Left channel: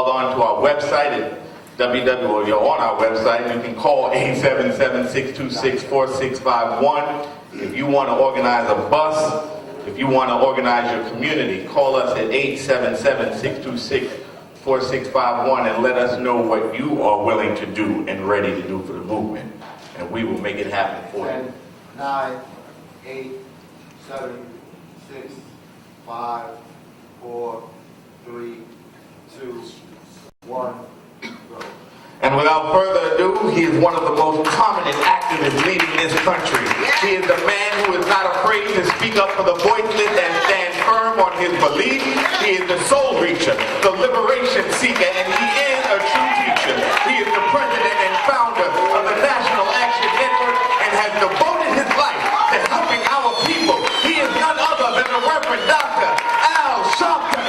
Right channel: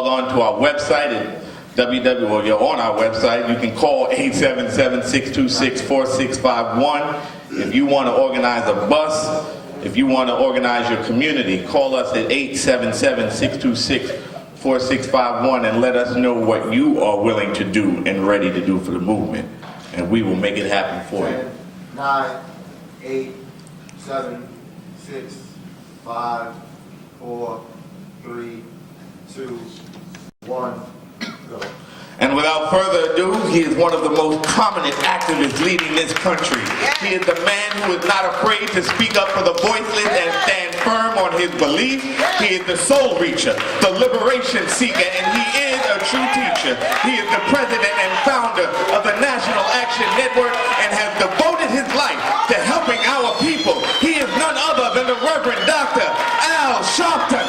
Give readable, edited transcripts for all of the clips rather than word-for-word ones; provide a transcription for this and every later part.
On to our website at or you're on our website. You can call 877-626-4651. If you want to organize a bus, if you want to organize your community, call us at 877-626-4651 and let us know what you are willing to do and ready to do for the movement, and we will make it happen for you. 9, 8, 7, 6, 5, 4, 3, 2, 1, go. And without further ado, he is one of the most prominent activists leading this country. He is the man who is not afraid to speak up for the voiceless and stand firm on his belief. He is the soul reacher, the liberation seeker, and he is a true teacher. He is the president and founder of the National Action Network and has devoted his life to helping our people. He is none other than the Reverend Dr. Sharpton.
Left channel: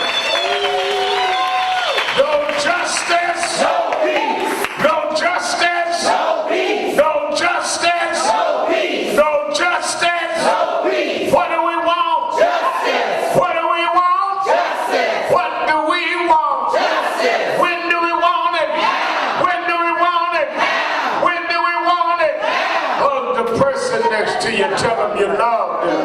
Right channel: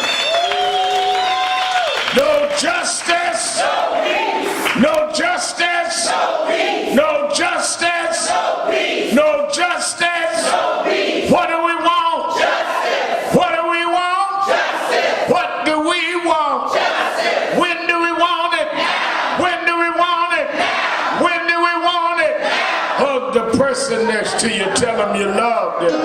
No justice, no peace. No justice, no peace. No justice, no peace. No justice, no peace. What do we want? Justice. What do we want? Justice. What do we want? Justice. When do we want it? Now. When do we want it? Now. When do we want it? Now. Hug the person next to you, tell them you love them.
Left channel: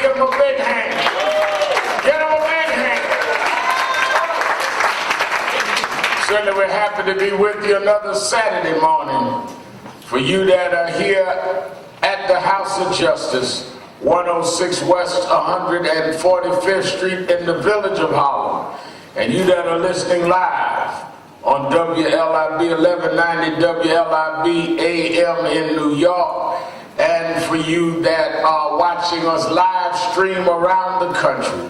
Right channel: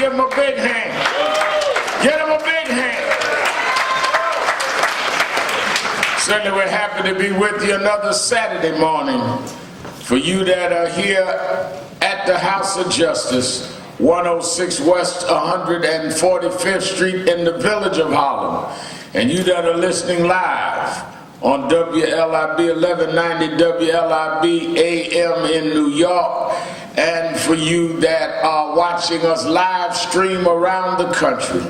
Give him a big hand. Give him a big hand. Certainly we're happy to be with you another Saturday morning. For you that are here at the House of Justice, 106 West 145th Street in the village of Harlem. And you that are listening live on WLIB 1190 WLIB AM in New York. And for you that are watching us live stream around the country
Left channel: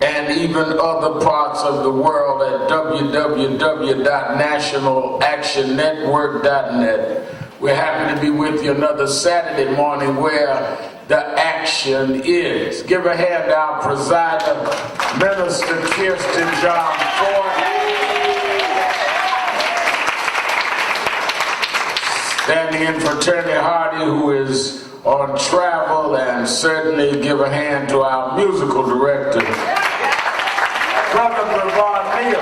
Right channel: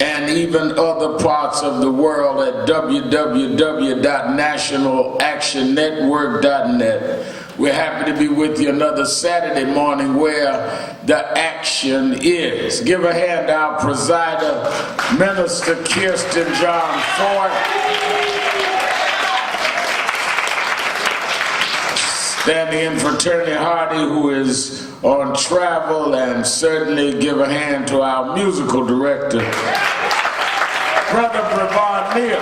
and even other parts of the world at www.nationalactionnetwork.net. We're happy to be with you another Saturday morning where the action is. Give a hand to our presider, Minister Kirsten John Ford. Standing in for Attorney Hardy, who is on travel, and certainly give a hand to our musical director, Brother Brevon Neal,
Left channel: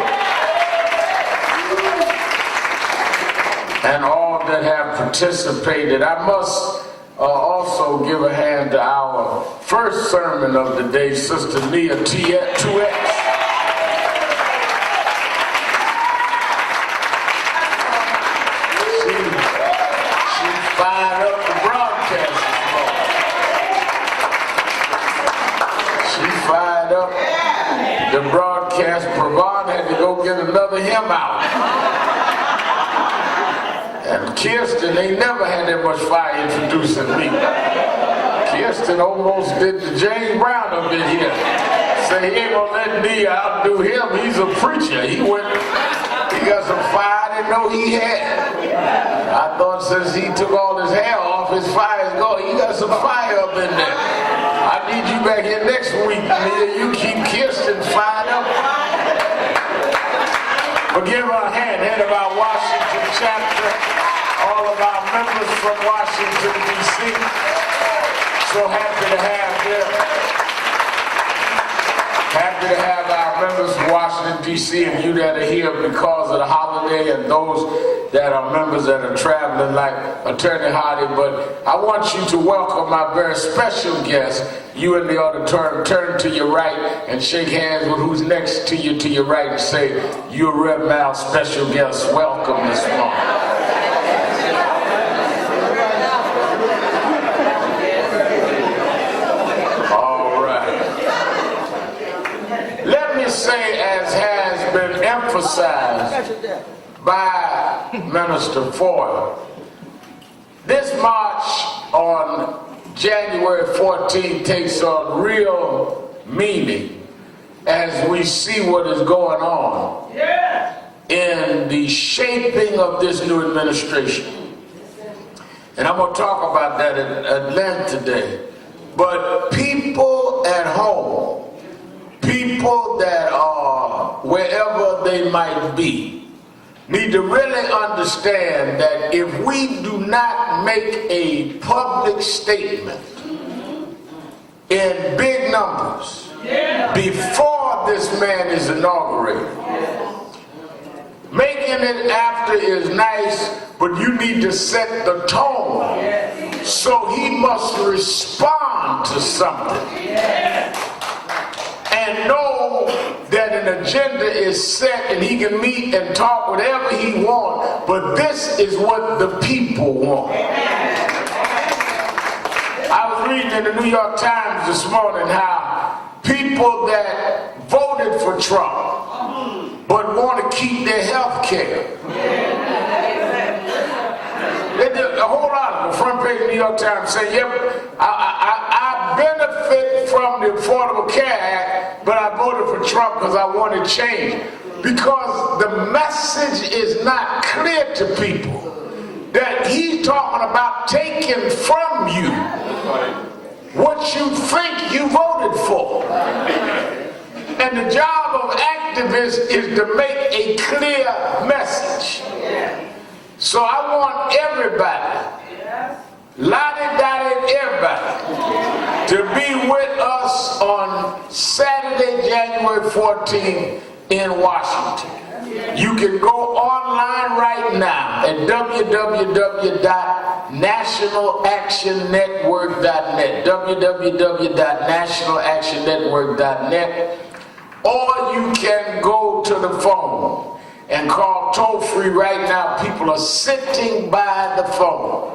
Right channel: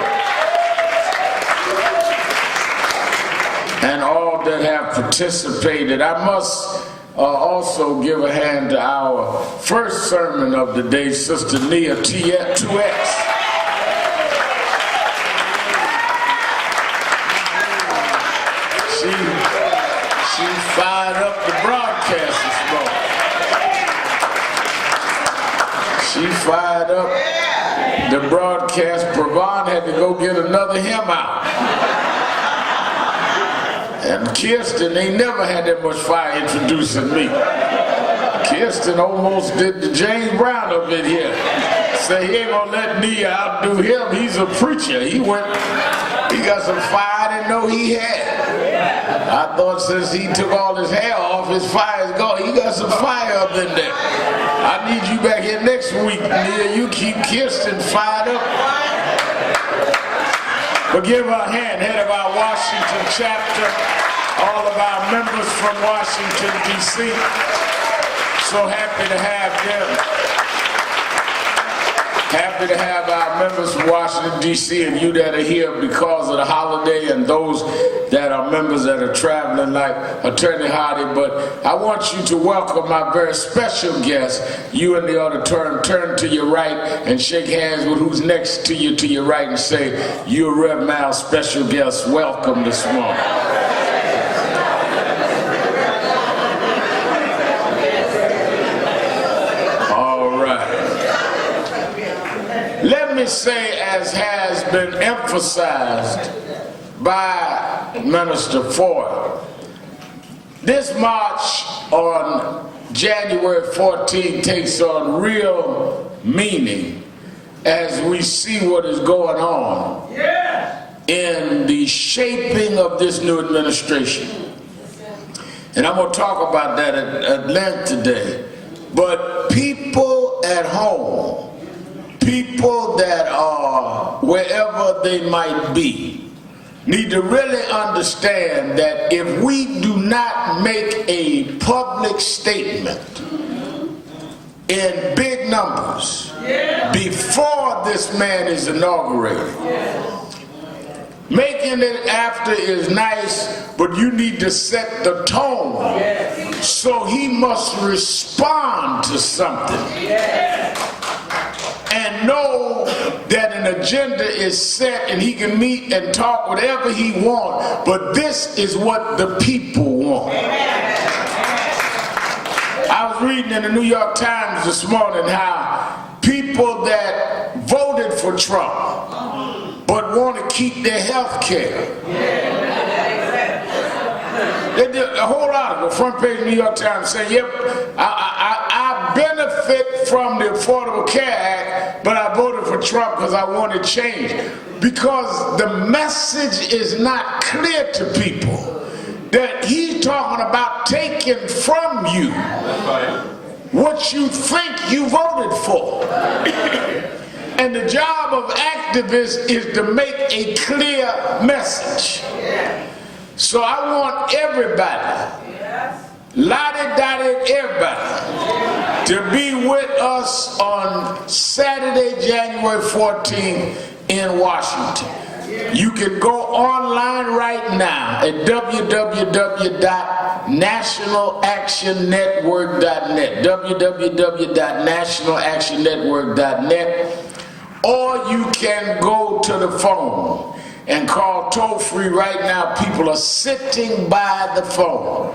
and all that have participated. I must also give a hand to our first sermon of the day, Sister Nia 2X. She fired up the broadcast this morning. She fired up the broadcast. Pravon had to go get another hymn out. And Kirsten ain't never had that much fire introducing me. Kirsten almost did the James Brown up in here. Say he ain't gonna let me outdo him. He's a preacher. He got some fire I didn't know he had. I thought since he took all his hair off, his fire is gone. He got some fire up in there. I need you back here next week, Nia. You keep Kirsten fired up. But give her a hand, head of our Washington chapter, all of our members from Washington, D.C. So happy to have them. Happy to have our members from Washington, D.C. and you that are here because of the holiday and those that are members that are traveling like Attorney Hardy. But I want you to welcome my very special guest. You in the auditorium, turn to your right and shake hands with who's next to your right and say, you're Rev Mal's special guest. Welcome this morning. Say, as has been emphasized by Minister Ford, this march on January 14 takes on real meaning as we see what is going on in the shaping of this new administration. And I'm going to talk about that at length today. But people at home, people that are wherever they might be, need to really understand that if we do not make a public statement in big numbers before this man is inaugurated, making it after is nice, but you need to set the tone so he must respond to something. And know that an agenda is set and he can meet and talk whatever he wants, but this is what the people want. I was reading in the New York Times this morning how people that voted for Trump but want to keep their health care. They did a whole lot of the front page of the New York Times saying, yep, I benefit from the Affordable Care Act, but I voted for Trump because I wanted change. Because the message is not clear to people that he's talking about taking from you what you think you voted for. And the job of activists is to make a clear message. So I want everybody, lottie-dottie everybody, to be with us on Saturday, January 14th in Washington. You can go online right now at www.nationalactionnetwork.net, www.nationalactionnetwork.net, or you can go to the phone and call toll-free right now. People are sitting by the phone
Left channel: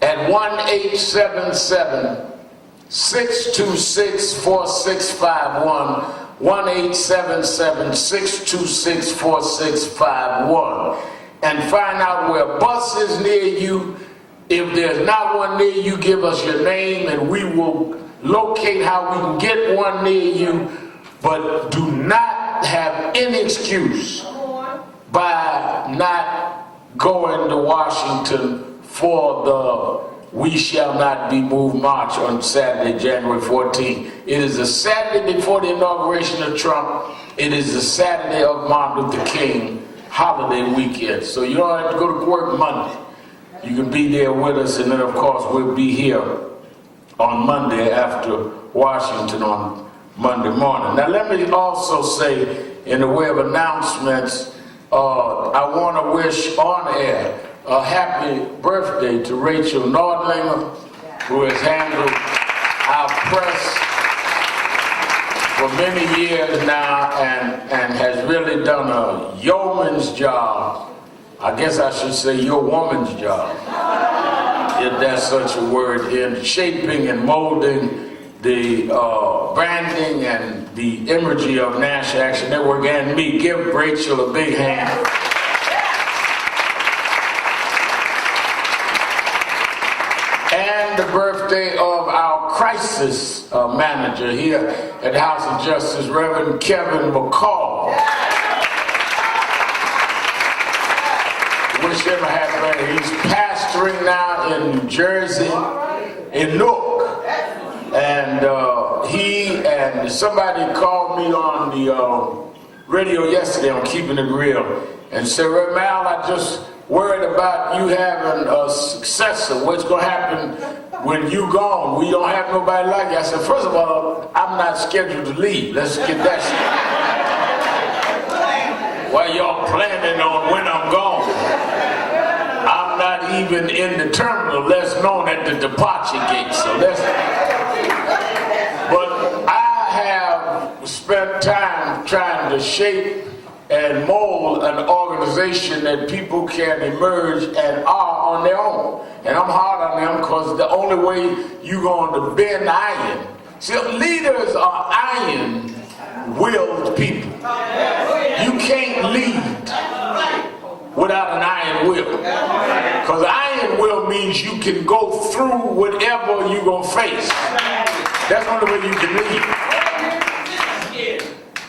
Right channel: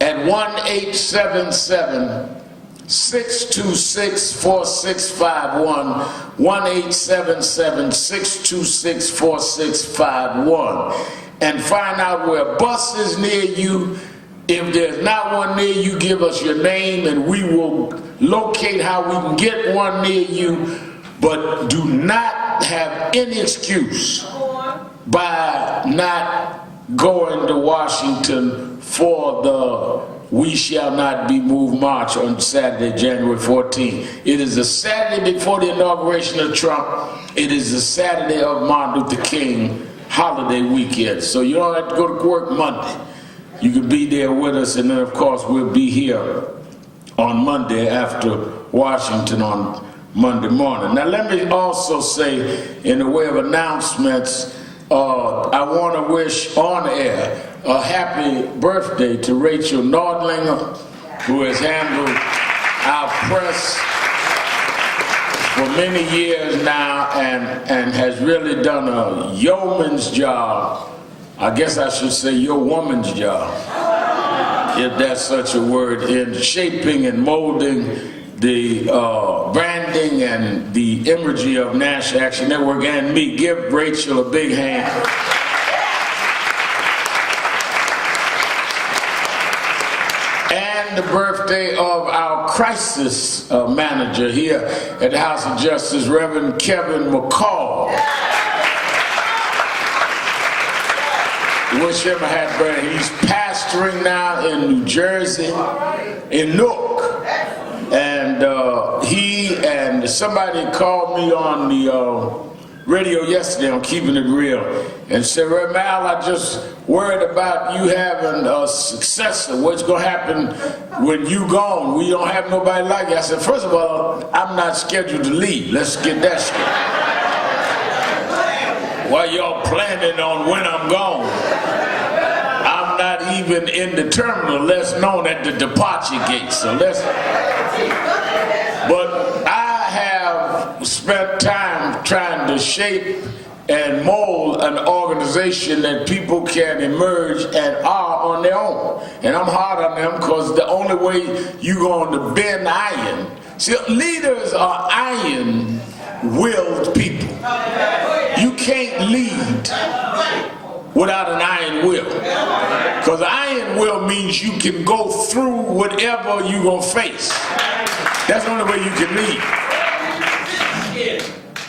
at 1-877-626-4651, 1-877-626-4651, and find out where a bus is near you. If there's not one near you, give us your name and we will locate how we can get one near you. But do not have any excuse by not going to Washington for the We Shall Not Be Moved March on Saturday, January 14th. It is the Saturday before the inauguration of Trump. It is the Saturday of Martin Luther King holiday weekend. So you don't have to go to work Monday. You can be there with us, and then of course we'll be here on Monday after Washington on Monday morning. Now let me also say, in the way of announcements, I want to wish on air a happy birthday to Rachel Nordlinger, who has handled our press for many years now and has really done a yeoman's job. I guess I should say your woman's job. if that's such a word, in shaping and molding the branding and the imagery of National Action Network and me. Give Rachel a big hand. And the birthday of our crisis manager here at the House of Justice, Reverend Kevin McCall. Wish him a happy birthday. He's pastoring now in New Jersey, in Newark. And he and somebody called me on the radio yesterday on Keeping It Real and said, Reverend Mal, I just worried about you having a successor. What's going to happen when you gone? We don't have nobody like you. I said, first of all, I'm not scheduled to leave. Let's get that straight. While y'all planning on when I'm gone, I'm not even in the terminal, less known at the departure gate. So but I have spent time trying to shape and mold an organization that people can emerge and are on their own. And I'm hard on them because the only way you're going to bend iron, see, leaders are iron-willed people. You can't lead without an iron will. Because iron will means you can go through whatever you're going to face. That's the only way you can lead.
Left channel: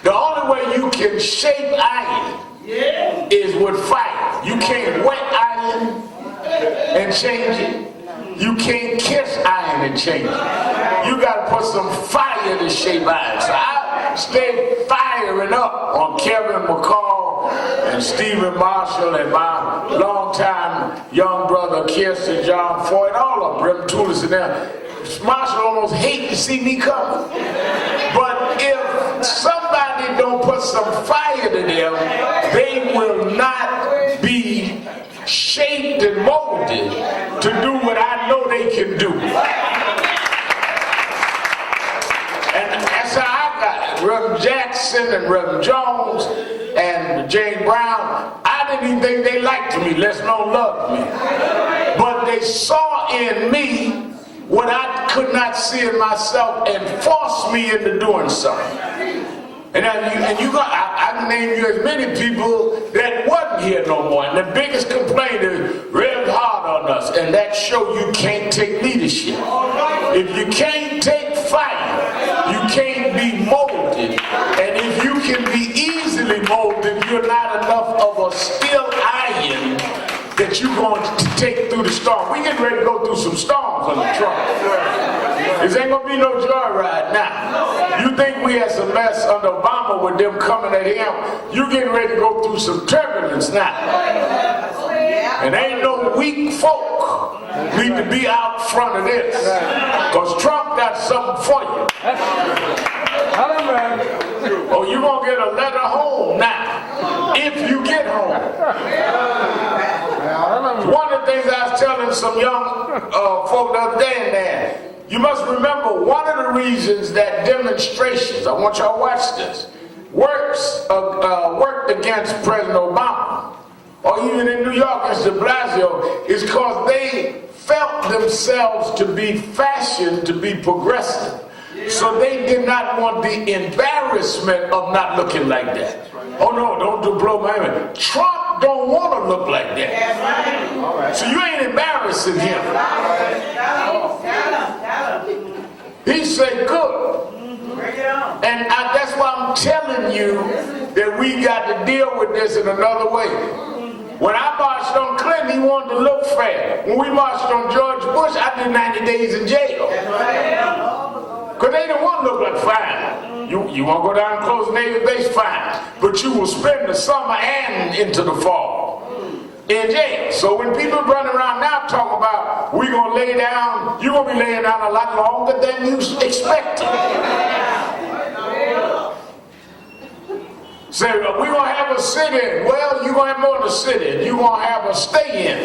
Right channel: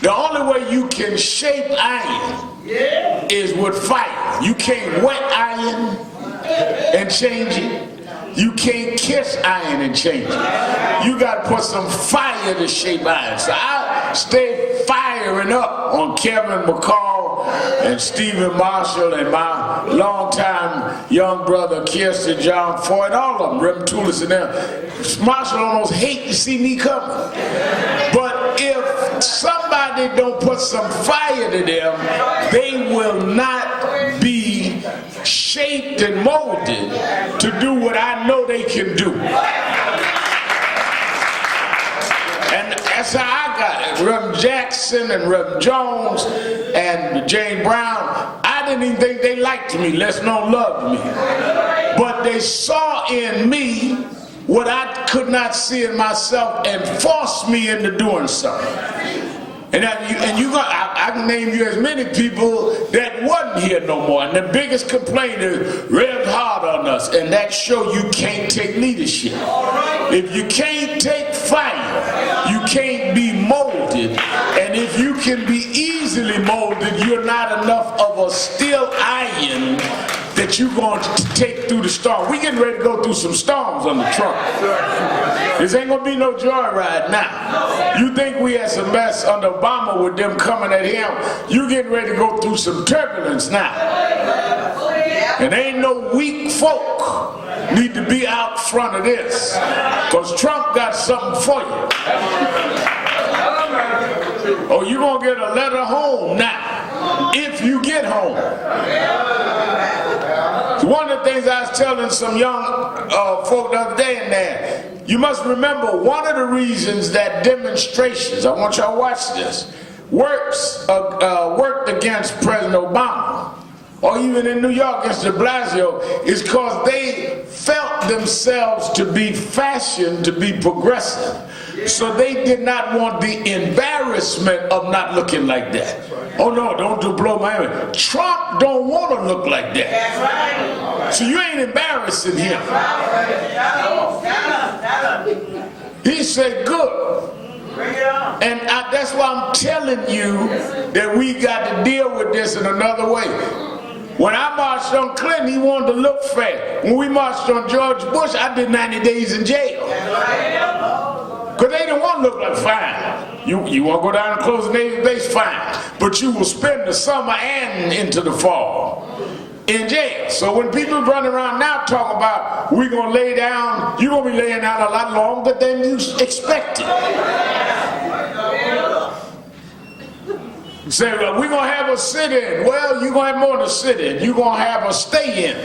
The only way you can shape iron is with fire. You can't wet iron and change it. You can't kiss iron and change it. You got to put some fire to shape iron. So I stay firing up on Kevin McCall and Stephen Marshall and my longtime young brother Kirsten John Ford, all of them, Rem Toulis and them. Marshall almost hate to see me coming. But if somebody don't put some fire to them, they will not be shaped and molded to do what I know they can do. And that's how I got it. Reverend Jackson and Reverend Jones and Jane Brown, I didn't even think they liked me, less known loved me. But they saw in me what I could not see in myself and forced me into doing something. And I can name you as many people that wasn't here no more. And the biggest complaint is Rev's hard on us, and that show you can't take leadership. If you can't take fire, you can't be molded. And if you can be easily molded, you're not enough of a steel iron that you're going to take through the storm. We getting ready to go through some storms under Trump. This ain't gonna be no joyride now. You think we had some mess under Obama with them coming at him? You getting ready to go through some turbulence now. And ain't no weak folk need to be out front of this, because Trump got something for you. Oh, you're gonna get a letter home now, if you get home. One of the things I was telling some young folk the other day in there, you must remember one of the reasons that demonstrations, I want y'all to watch this, worked against President Obama, or even in New York against de Blasio, is because they felt themselves to be fashioned to be progressive. So they did not want the embarrassment of not looking like that. Oh no, don't blow my mind. Trump don't want to look like that. So you ain't embarrassing him. He said, good. And that's why I'm telling you that we got to deal with this in another way. When I marched on Clinton, he wanted to look fair. When we marched on George Bush, I did 90 days in jail. Because they didn't want to look like fine. You want to go down and close the Navy base? Fine. But you will spend the summer and into the fall in jail. So when people run around now talking about we're going to lay down, you're going to be laying down a lot longer than you expected. Say, we're going to have a sit-in. Well, you're going to have more than a sit-in. You're going to have a stay-in.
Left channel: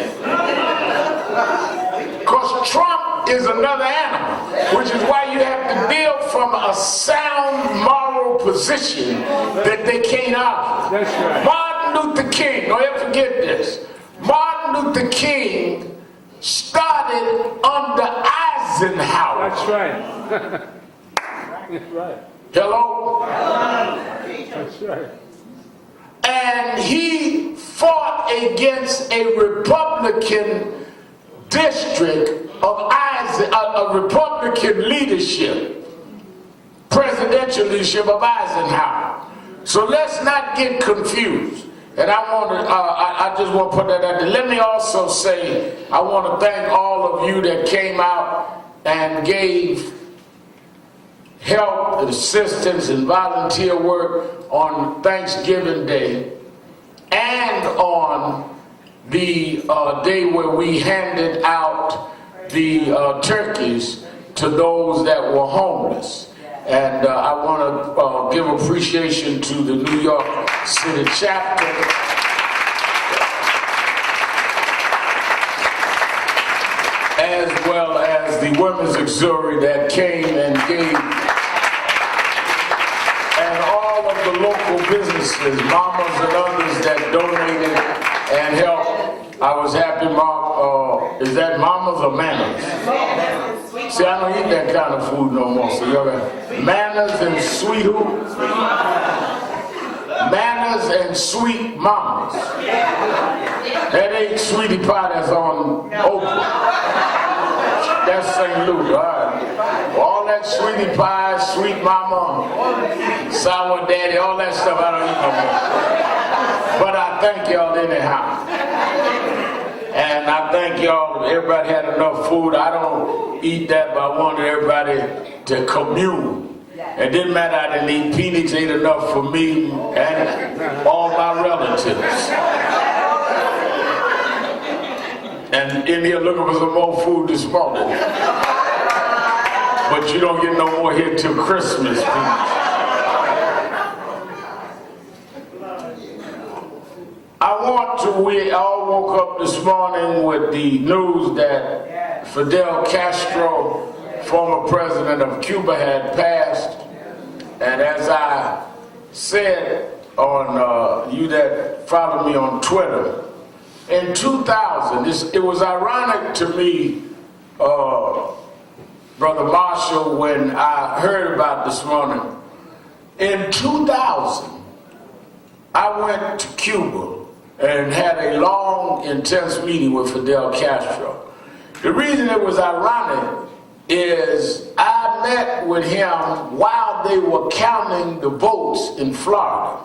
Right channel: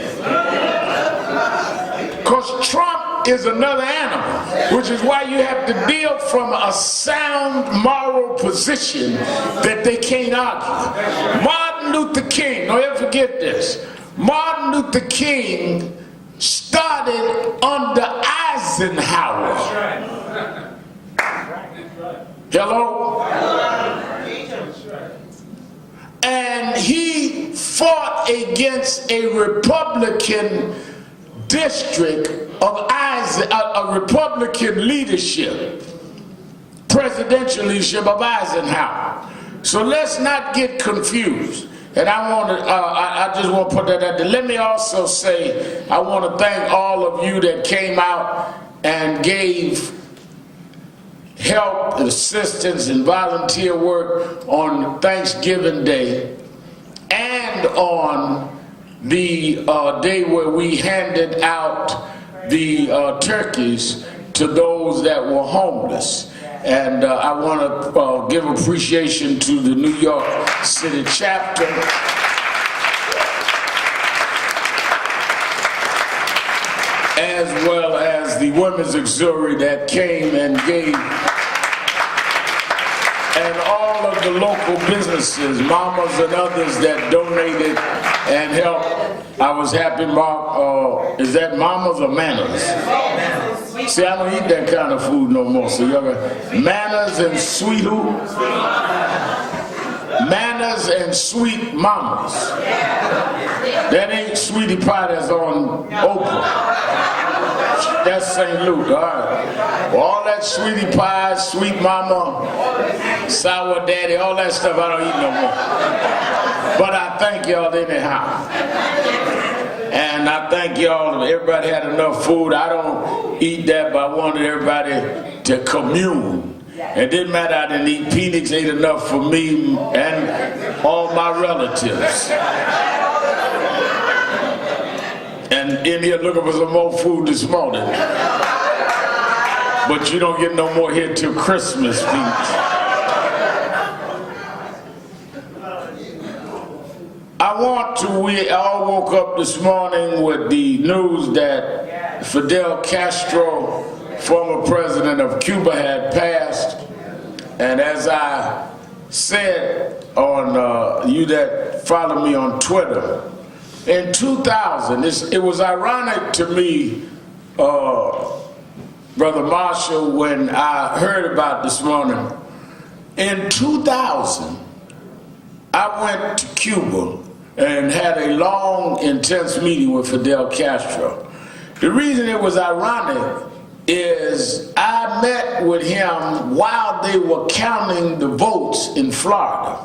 Because Trump is another animal, which is why you have to deal from a sound moral position that they can't argue. Martin Luther King, don't ever forget this. Martin Luther King started under Eisenhower. That's right. That's right. Hello? That's right. And he fought against a Republican district of a Republican leadership, presidential leadership of Eisenhower. So let's not get confused. And I just want to put that out there. Let me also say, I want to thank all of you that came out and gave help, assistance, and volunteer work on Thanksgiving Day and on the day where we handed out the turkeys to those that were homeless. And I want to give appreciation to the New York City chapter, as well as the Women's Auxiliary that came and gave, and all of the local businesses, mamas and others that donated and helped. I was happy, Mark. Is that mamas or manners? See, I don't eat that kind of food no more. So y'all got manners and sweet who? Manners and sweet mamas. That ain't sweetie pie that's on Oprah. That's St. Luke, all right. Well, all that sweetie pie, sweet mama, sour daddy, all that stuff I don't eat no more. But I thank y'all anyhow. And I thank y'all, everybody had enough food. I don't eat that, but I wanted everybody to commune. It didn't matter, I didn't eat. Phoenix ate enough for me and all my relatives. And in here looking for some more food this morning. But you don't get no more here till Christmas, Phoenix. We all woke up this morning with the news that Fidel Castro, former president of Cuba, had passed. And as I said on you that follow me on Twitter, in 2000, it was ironic to me, Brother Marshall, when I heard about this morning. In 2000, I went to Cuba and had a long, intense meeting with Fidel Castro. The reason it was ironic is I met with him while they were counting the votes in Florida.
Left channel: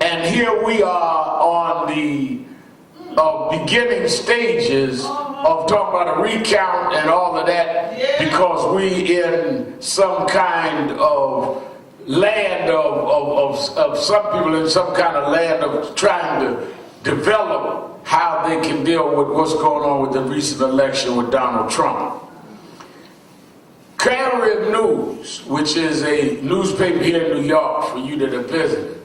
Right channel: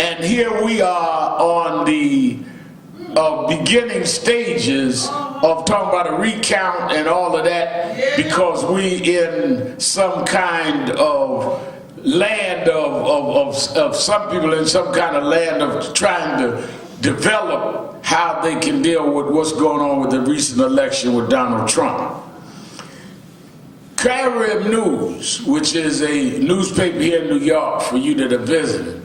And here we are on the beginning stages of talking about a recount and all of that, because we in some kind of land of some people in some kind of land of trying to develop how they can deal with what's going on with the recent election with Donald Trump. Carib News, which is a newspaper here in New York for you that are visiting,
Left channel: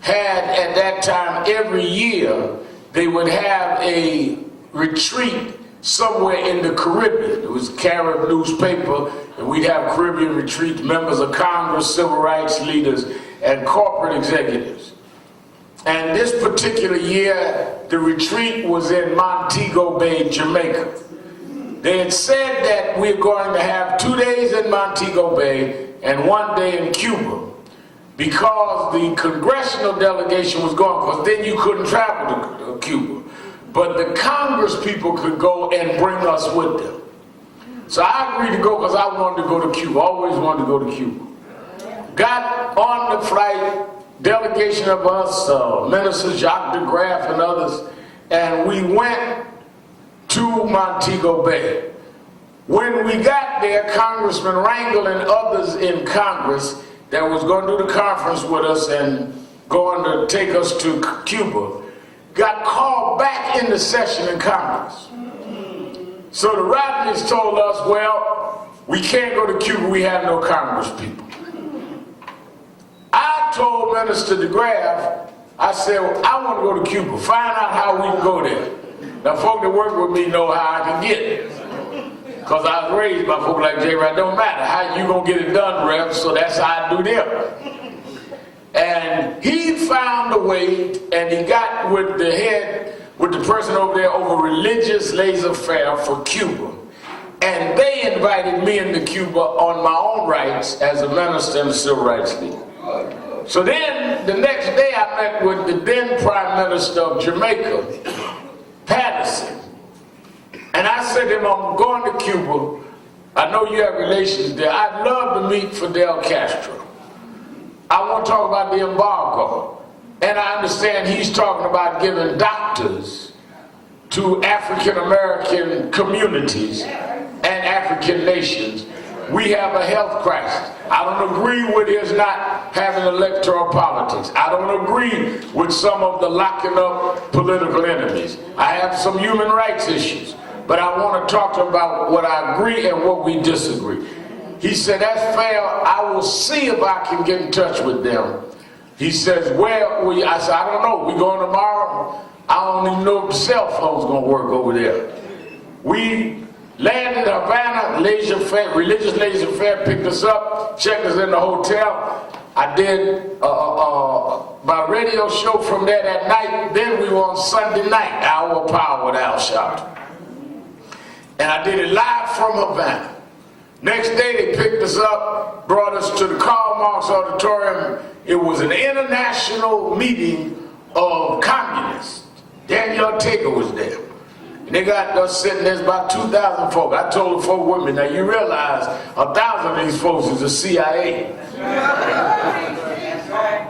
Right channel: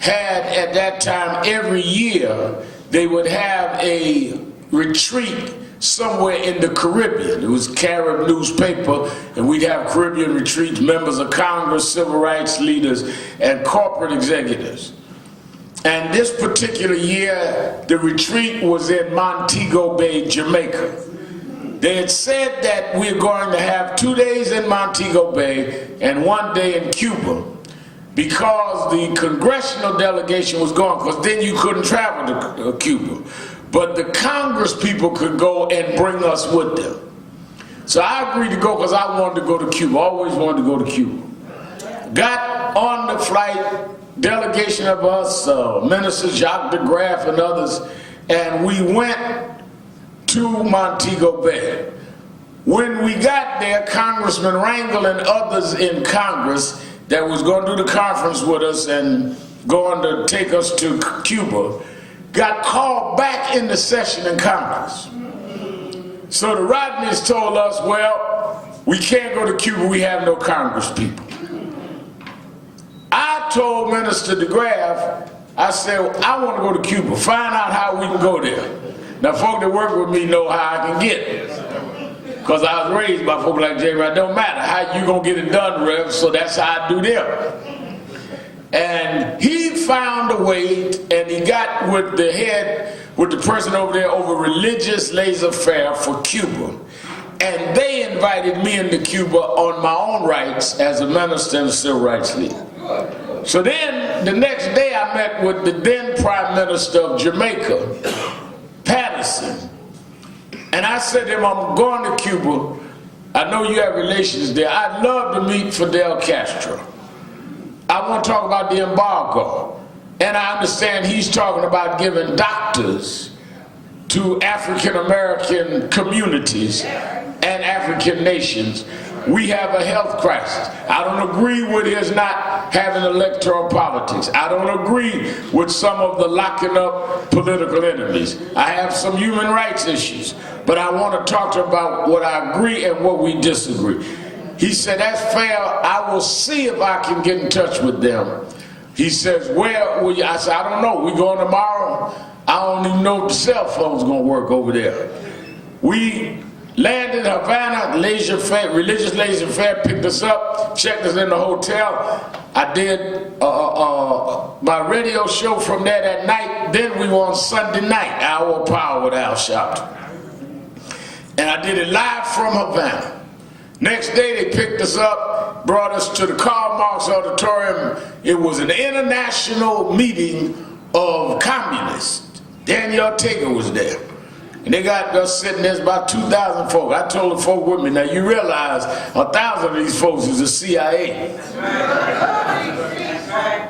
had at that time every year they would have a retreat somewhere in the Caribbean. It was a Carib newspaper, and we'd have Caribbean retreats, members of Congress, civil rights leaders, and corporate executives. And this particular year, the retreat was in Montego Bay, Jamaica. They had said that we're going to have 2 days in Montego Bay and 1 day in Cuba, because the congressional delegation was going, because then you couldn't travel to Cuba. But the Congress people could go and bring us with them. So I agreed to go because I wanted to go to Cuba, always wanted to go to Cuba. Got on the flight, delegation of us, Minister Jacques de Graaf and others, and we went to Montego Bay. When we got there, Congressman Rangel and others in Congress that was going to do the conference with us and going to take us to Cuba, got called back into session in Congress. So the Rodneys told us, well, we can't go to Cuba, we have no Congress people. I told Minister de Graaf, I said, well, I want to go to Cuba, find out how we can go there. Now folk that work with me know how I can get it. Because I was raised by folk like J. It don't matter how you gonna get it done, Rev, so that's how I do them. And he found a way, and he got with the person over there over religious laissez-faire for Cuba. And they invited me into Cuba on my own rights as a minister and a civil rights leader. So then, the next day I met with the then Prime Minister of Jamaica, Patterson. And I said to him, I'm going to Cuba. I know you have relations there. I'd love to meet Fidel Castro. I want to talk about the embargo. And I understand he's talking about giving doctors to African American communities and African nations. We have a health crisis. I don't agree with his not having electoral politics. I don't agree with some of the locking up political enemies. I have some human rights issues. But I want to talk to him about what I agree and what we disagree. He said, that's fair. I will see if I can get in touch with them. He says, where will you? I said, I don't know. We going tomorrow? I don't even know if the cell phone's going to work over there. We landed in Havana, religious laissez-faire, picked us up, checked us in the hotel. I did my radio show from there that night. Then we were on Sunday night, Hour of Power with Al Sharpton. And I did it live from Havana. Next day they picked us up, brought us to the Karl Marx Auditorium. It was an international meeting of communists. Daniel Ortega was there. And they got us sitting there, about 2,000 folks. I told the folk with me, now you realize 1,000 of these folks is the CIA.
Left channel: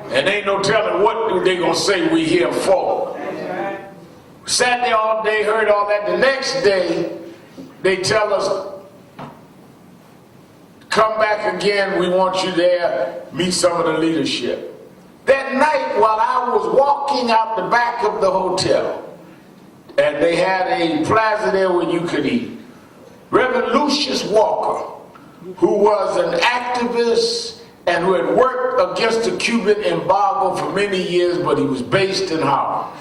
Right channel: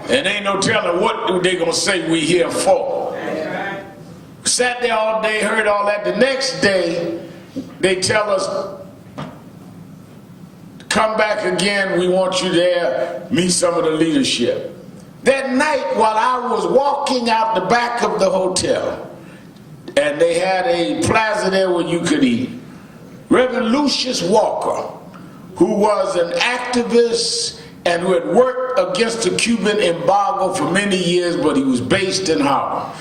And ain't no telling what they gonna say we here for. Sat there all day, heard all that. The next day, they tell us, come back again, we want you there, meet some of the leadership. That night, while I was walking out the back of the hotel, and they had a plaza there where you could eat, Reverend Lucius Walker, who was an activist and who had worked against the Cuban embargo for many years, but he was based in Harlem.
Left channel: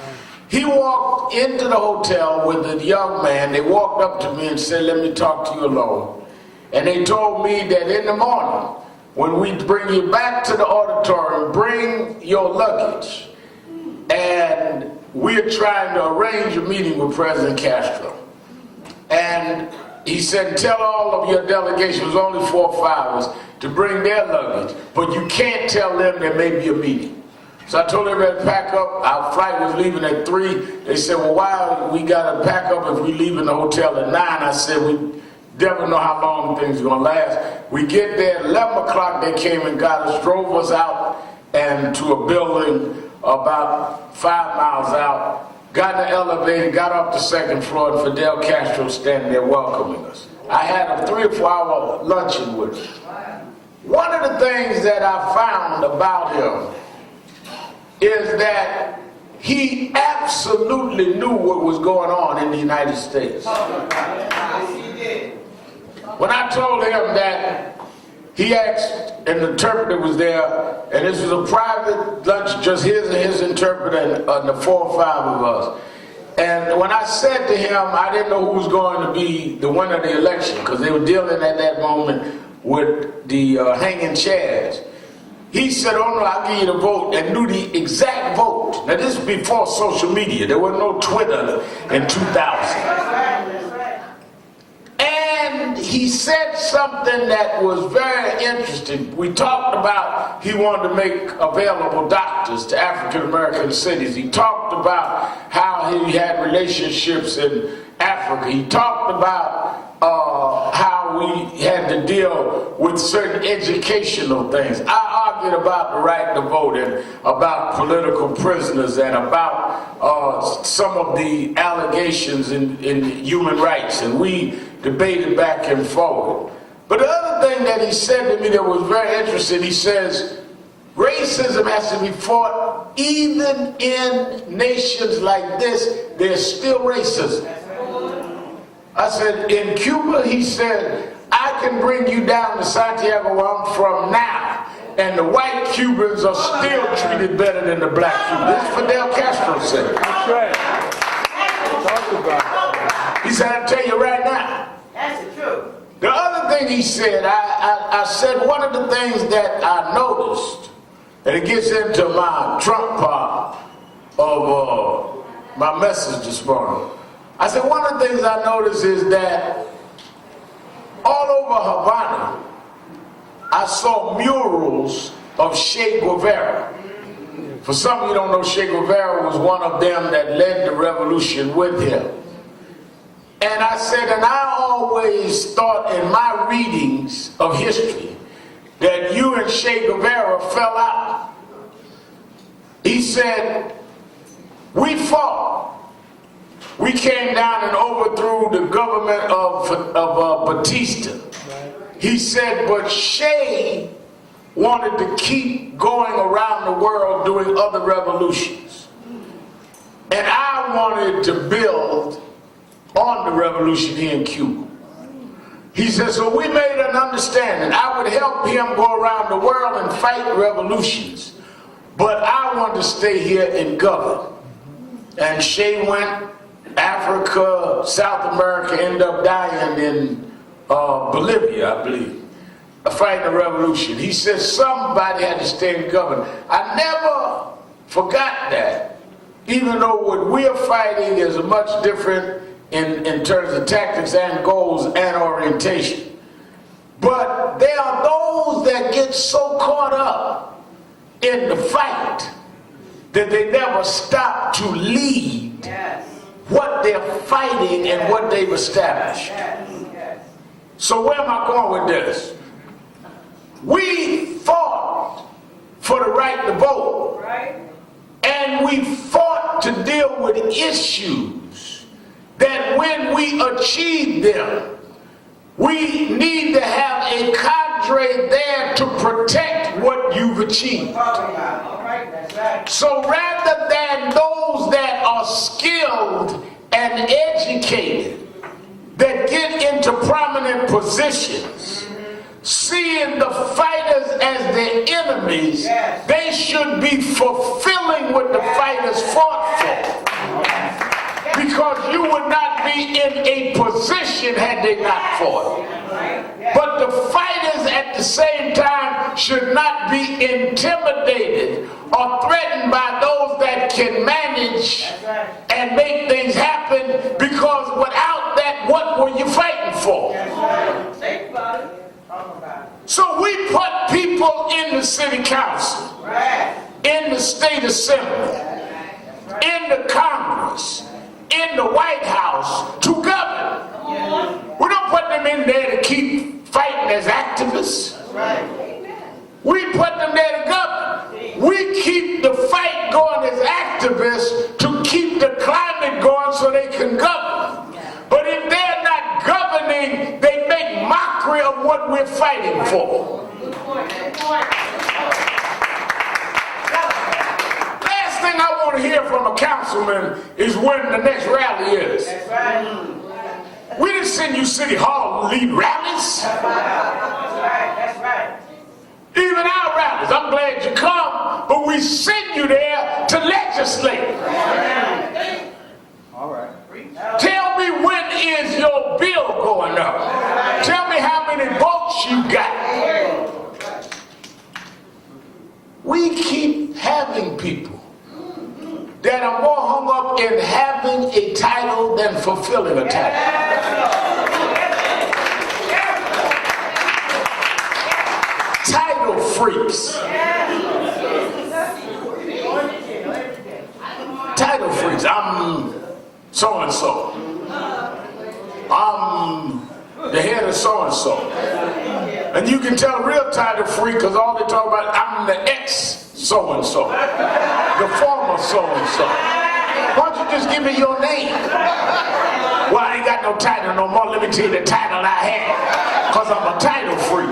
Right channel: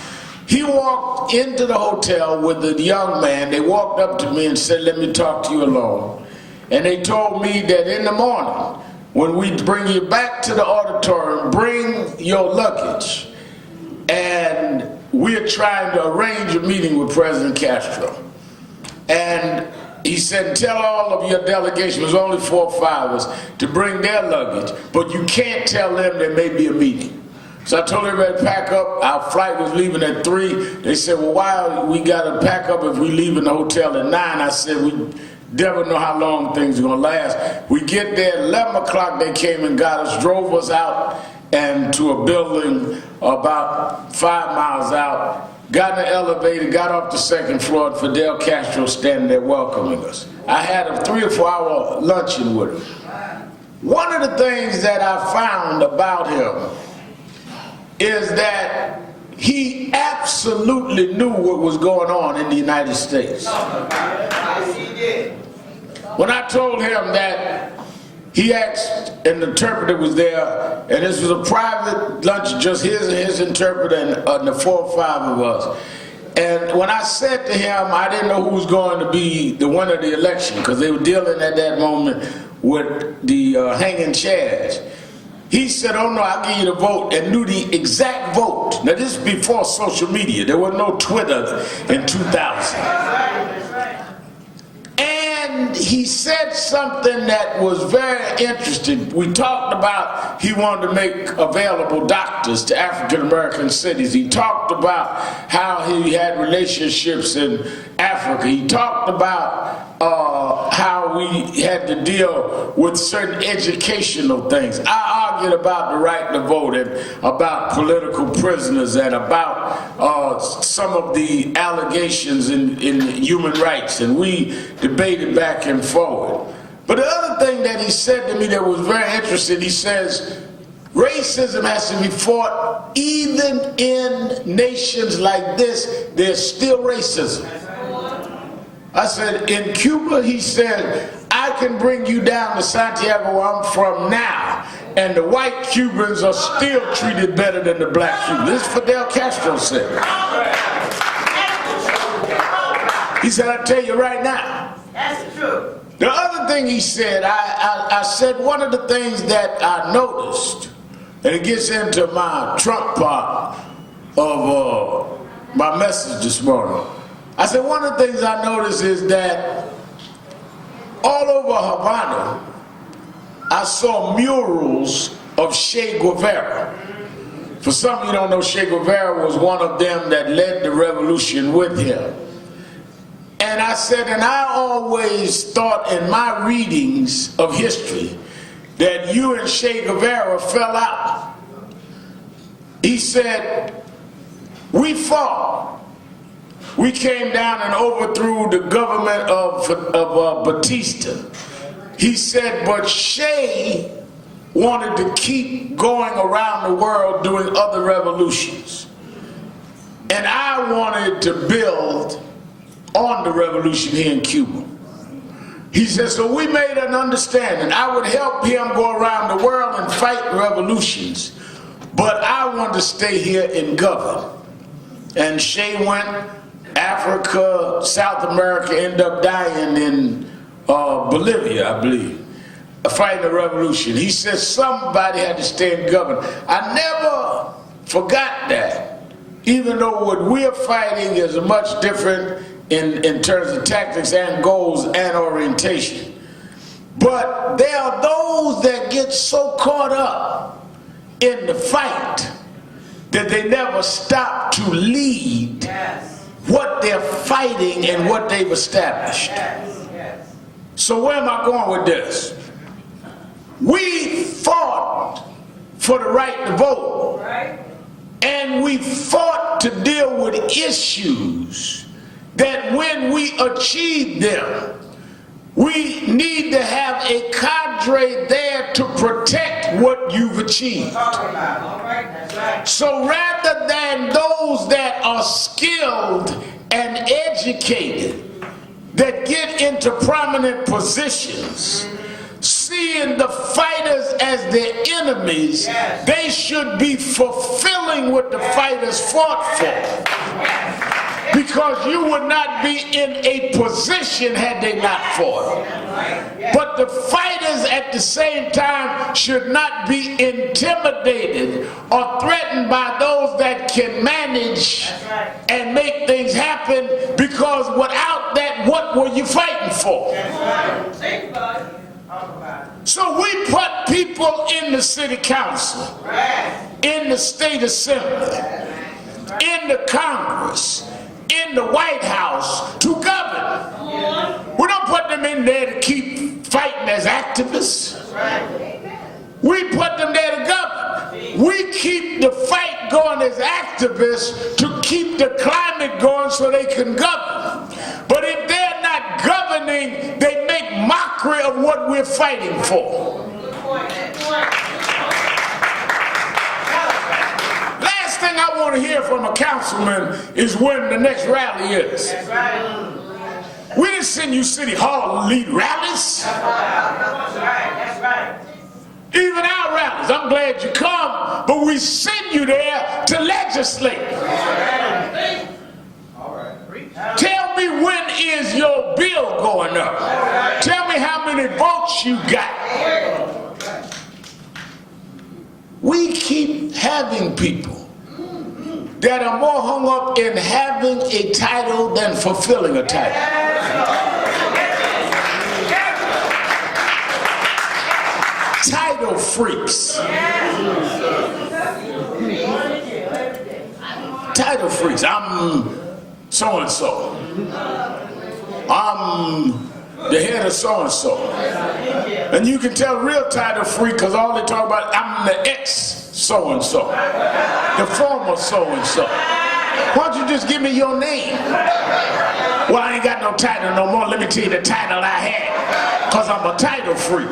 He walked into the hotel with a young man. They walked up to me and said, let me talk to you alone. And they told me that in the morning, when we bring you back to the auditorium, bring your luggage. And we're trying to arrange a meeting with President Castro. And he said, tell all of your delegation, it was only 4 or 5 of us, to bring their luggage, but you can't tell them there may be a meeting. So I told everybody to pack up. Our flight was leaving at 3. They said, well, why we got to pack up if we leave in the hotel at 9? I said, we never know how long things are going to last. We get there, 11 o'clock they came and got us, drove us out and to a building about 5 miles out, got in the elevator, got up the 2nd floor, and Fidel Castro standing there welcoming us. I had a 3 or 4 hour luncheon with him. One of the things that I found about him is that he absolutely knew what was going on in the United States. When I told him that he asked, an interpreter was there, and this was a private lunch, just his and his interpreter and the 4 or 5 of us. And when I said to him, I didn't know who was going to be the winner of the election, because they were dealing at that moment with the hanging chairs. He said, oh no, I'll give you the vote, and knew the exact vote. Now this is before social media. There was no Twitter in 2000. And he said something that was very interesting. We talked about he wanted to make available doctors to African American cities. He talked about how he had relationships in Africa. He talked about how we had to deal with certain educational things. I argued about the right to vote and about political prisoners and about some of the allegations in human rights, and we debated back and forward. But the other thing that he said to me that was very interesting, he says, racism has to be fought even in nations like this. There's still racism. I said, in Cuba, he said, I can bring you down to Santiago where I'm from now, and the white Cubans are still treated better than the black Cubans. This is Fidel Castro said. He said, I tell you right now. That's the truth. The other thing he said, I said one of the things that I noticed, And it gets into my trump part of my message this morning. I said one of the things I noticed is that all over Havana, I saw murals of Che Guevara. For some of you don't know, Che Guevara was one of them that led the revolution with him. And I said, and I always thought in my readings of history that you and Che Guevara fell out. He said, we fought. We came down and overthrew the government of Batista. He said, but Che wanted to keep going around the world doing other revolutions. And I wanted to build on the revolution here in Cuba. He said, so we made an understanding. I would help him go around the world and fight revolutions, but I wanted to stay here and govern. And Che went Africa, South America, ended up dying in Bolivia, I believe, fighting the revolution. He said somebody had to stay and govern. I never forgot that, even though what we're fighting is much different in terms of tactics and goals and orientation. But there are those that get so caught up in the fight that they never stop to lead what they're fighting and what they've established. So where am I going with this? We fought for the right to vote, and we fought to deal with issues that when we achieve them, we need to have a cadre there to protect what you've achieved. So rather than those that are skilled and educated, that get into prominent positions, seeing the fighters as their enemies, they should be fulfilling what the fighters fought for. Because you would not be in a position had they not fought. But the fighters at the same time should not be intimidated or threatened by those that can manage and make things happen, because without that, what were you fighting for? So we put people in the city council, in the state assembly, in the Congress, in the White House to govern. We don't put them in there to keep fighting as activists. We put them there to govern. We keep the fight going as activists to keep the climate going so they can govern. But if they're not governing, they make mockery of what we're fighting for. Thing I want to hear from a councilman is when the next rally is. We didn't send you City Hall to lead rallies. Even our rallies, I'm glad you come, but we send you there to legislate. Tell me, when is your bill going up? Tell me how many votes you got. We keep having people that are more hung up in having a title than fulfilling a title. Title freaks. Title freaks. I'm so-and-so. I'm the head of so-and-so. And you can tell a real title freak because all they talk about, I'm the ex-so-and-so. The former so-and-so. Why don't you just give me your name? Well, I ain't got no title no more. Let me tell you the title I had. Because I'm a title freak.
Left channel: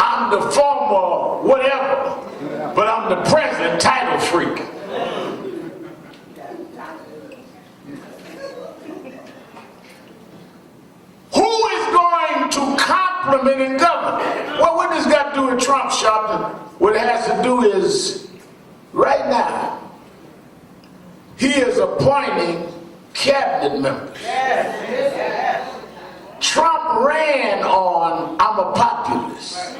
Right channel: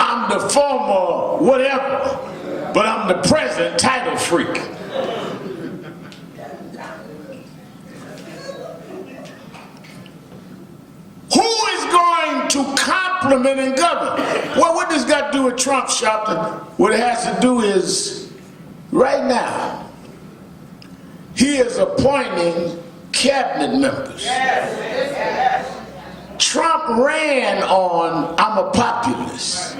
I'm the former whatever, but I'm the present title freak. Who is going to compliment and govern? Well, what does that do with Trump, Sharpton? What it has to do is, right now, he is appointing cabinet members. Trump ran on, I'm a populist.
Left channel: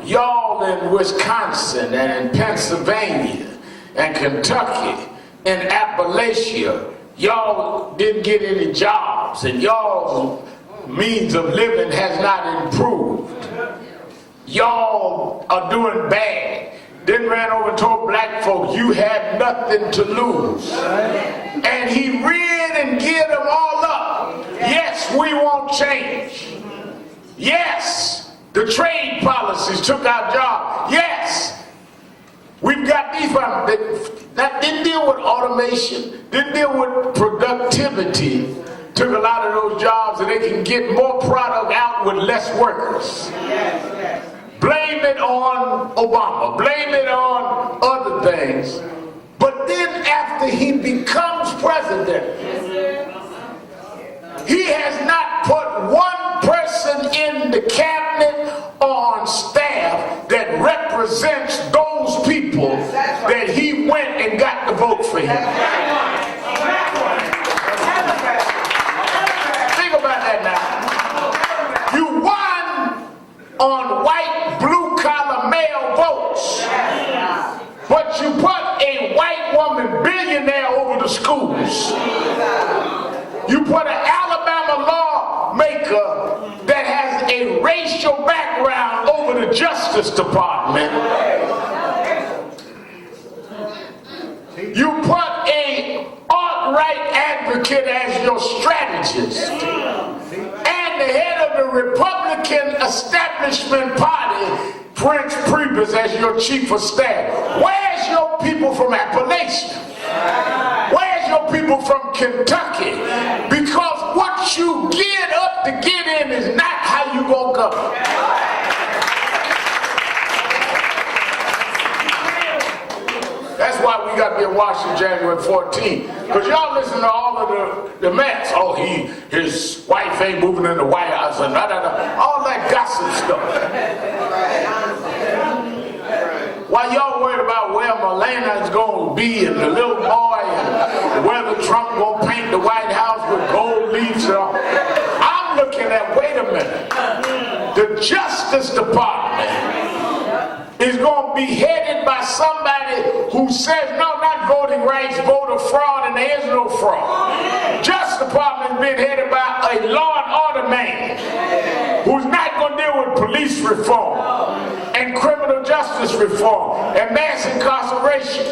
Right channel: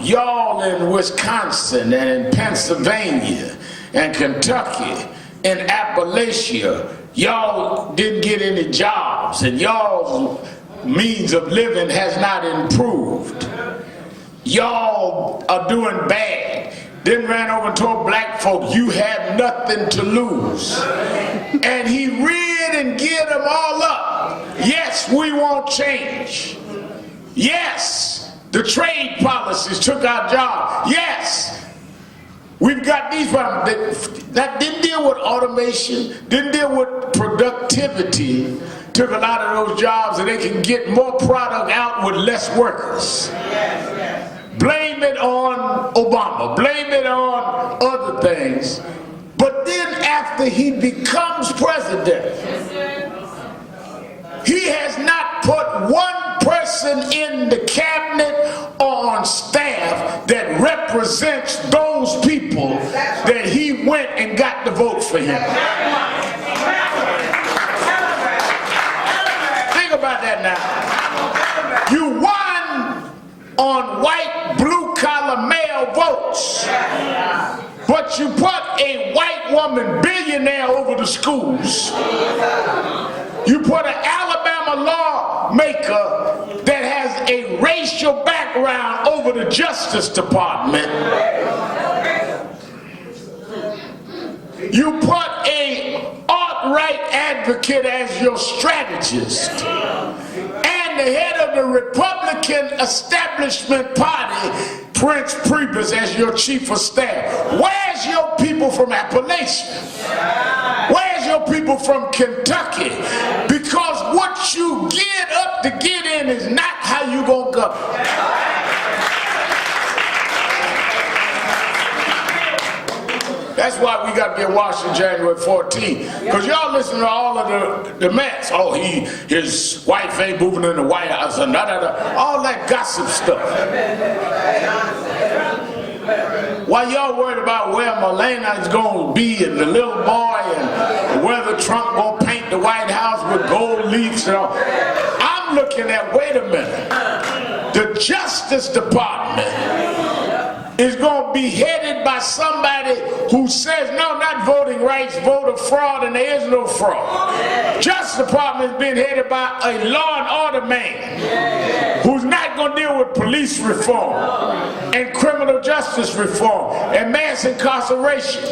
Y'all in Wisconsin and in Pennsylvania and Kentucky and Appalachia, y'all didn't get any jobs and y'all's means of living has not improved. Y'all are doing bad. Then ran over and told black folk, you had nothing to lose. And he reared and geared them all up. Yes, we want change. Yes, the trade policies took our job. Yes, we've got these problems. That didn't deal with automation, didn't deal with productivity. Took a lot of those jobs and they can get more product out with less workers. Blame it on Obama, blame it on other things. But then after he becomes president, he has not put one person in the cabinet or on staff that represents those people that he went and got to vote for him. Think about that now. You won on white, blue-collar male votes, but you put a white woman billionaire over the schools. You put an Alabama lawmaker that has a racial background over the Justice Department. You put a alt-right advocate as your strategist. And the head of the Republican establishment party, Prince Priebus, as your chief of staff. Where's your people from Appalachia? Where's your people from Kentucky? Because what you get up to get in is not how you gonna govern. That's why we got to be in Washington January 14th. Because y'all listen to all of the mess. Oh, his wife ain't moving in the White House and all that gossip stuff. While y'all worried about where Melania is going to be and the little boy and whether Trump going to paint the White House with gold leaves, I'm looking at, wait a minute, the Justice Department is going to be headed by somebody who says, no, not voting rights, voter fraud, and there is no fraud. Justice Department is being headed by a law and order man who's not going to deal with police reform and criminal justice reform and mass incarceration.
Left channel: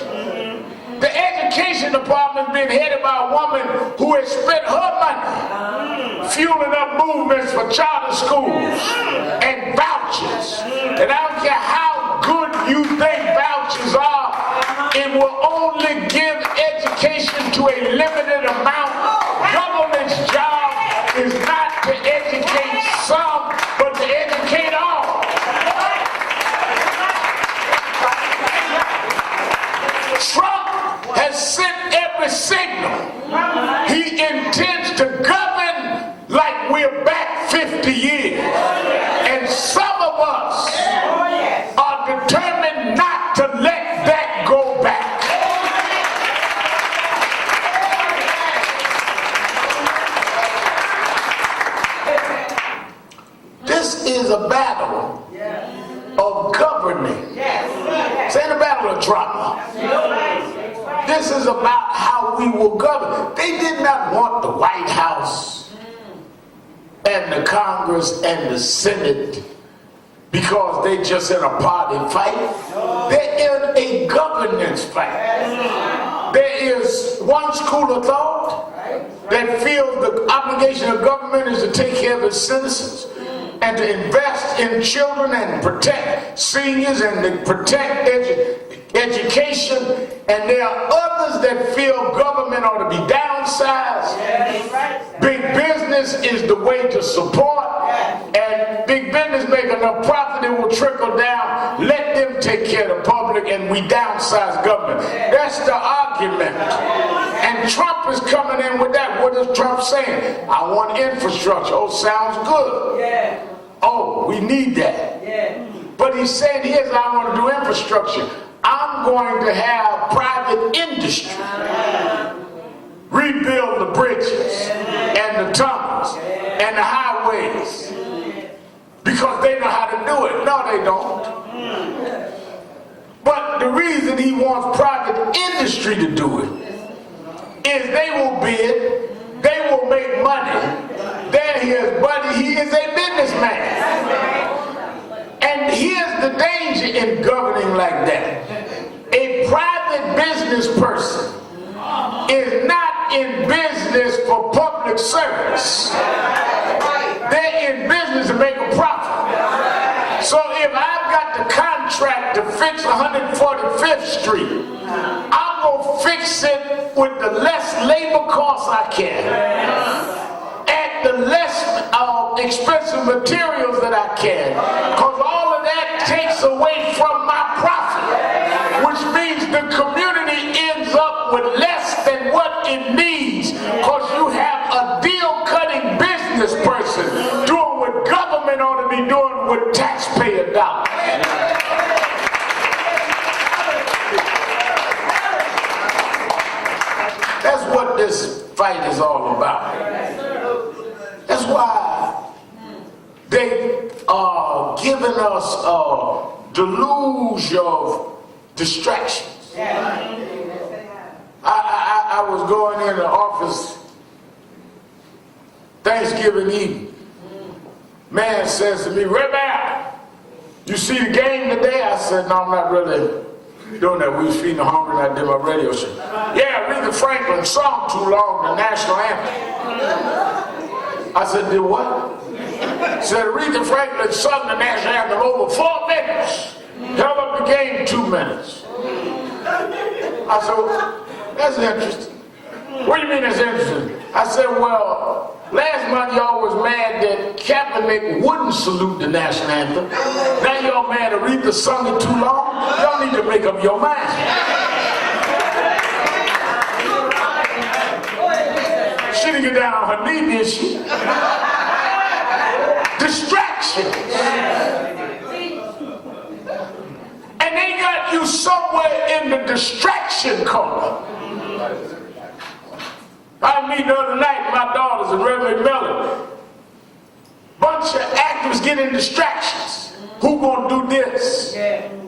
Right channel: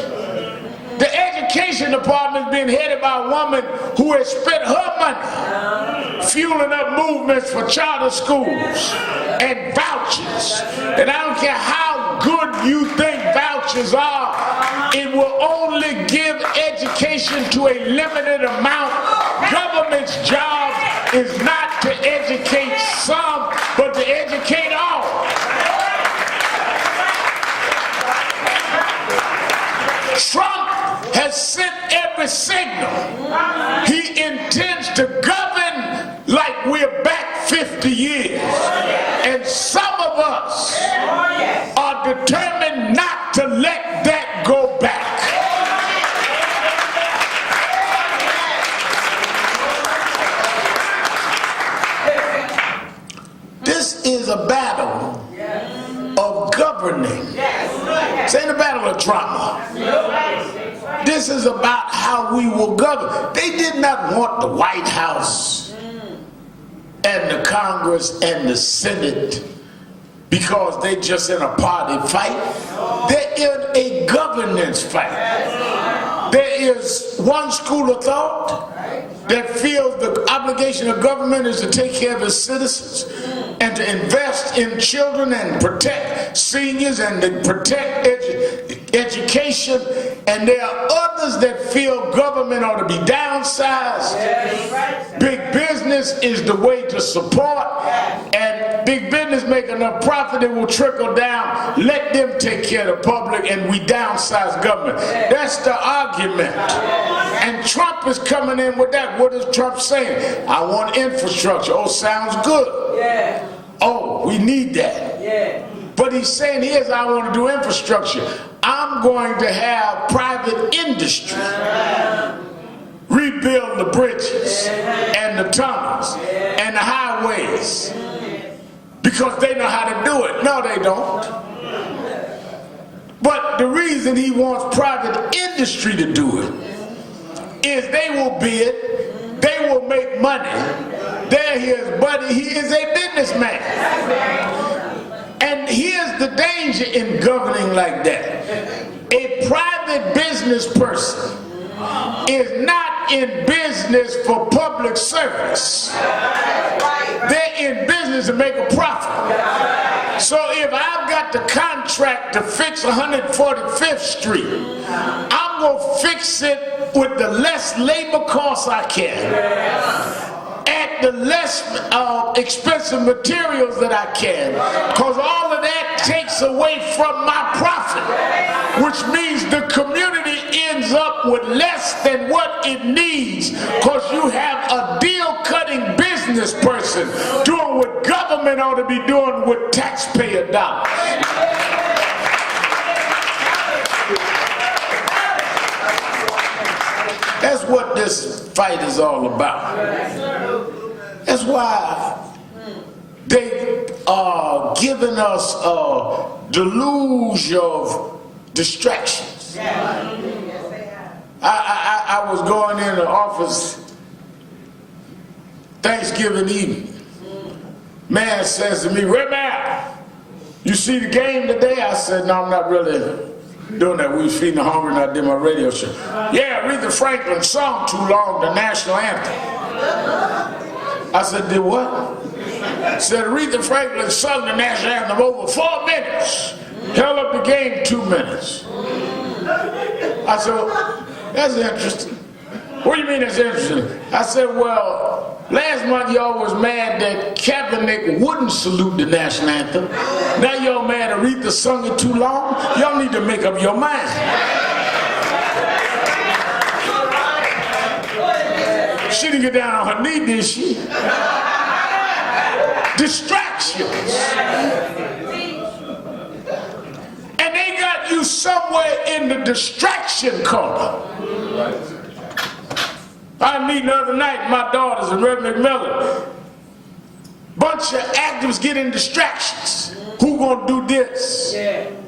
The Education Department is being headed by a woman who has spent her money fueling up movements for charter schools and vouchers. And I don't care how good you think vouchers are, it will only give education to a limited amount. Government's job is not to educate some, but to educate all. Trump has sent every signal. He intends to govern like we're back 50 years. And some of us are determined not to let that go back. This is a battle of governing. This ain't a battle of drama. This is about how we will govern. They did not want the White House and the Congress and the Senate because they're just in a party fight. They're in a governance fight. There is one school of thought that feels the obligation of government is to take care of its citizens and to invest in children and protect seniors and to protect education. And there are others that feel government ought to be downsized. Big business is the way to support, and big business make enough profit, it will trickle down. Let them take care of the public and we downsize government. That's the argument. And Trump is coming in with that. What is Trump saying? I want infrastructure. Oh, sounds good. Oh, we need that. But he's saying, here's how I want to do infrastructure. I'm going to have private industry rebuild the bridges and the tunnels and the highways because they know how to do it. No, they don't. But the reason he wants private industry to do it is they will bid, they will make money. They're his buddy. He is a businessman. And here's the danger in governing like that. A private business person is not in business for public service. They're in business to make a profit. So if I've got the contract to fix 145th Street, I'm going to fix it with the less labor costs I can, at the less expensive materials that I can, because all of that takes away from my profit, which means the community ends up with less than what it needs, because you have a deal-cutting business person doing what government ought to be doing with taxpayer dollars. That's what this fight is all about. That's why they are giving us a deluge of distractions. I was going in the office Thanksgiving evening. Man says to me, "Rebbe, you see the game today?" I said, "No, I'm not really doing that. We was feeding the hungry and I did my radio show." "Yeah, Aretha Franklin sung too long, the national anthem." I said, "Did what?" Said Aretha Franklin sung the national anthem over 4 minutes. Held up the game 2 minutes. I said, "Well, that's interesting." "What do you mean that's interesting?" I said, "Well, last month y'all was mad that Kaepernick wouldn't salute the national anthem. Now y'all mad Aretha sung it too long? Y'all need to make up your mind." She didn't get down on her knee, did she? Distractions. And they got you somewhere in the distraction corner. I mean, the other night, my daughters and Reverend Miller, bunch of actors getting distractions. Who gonna do this?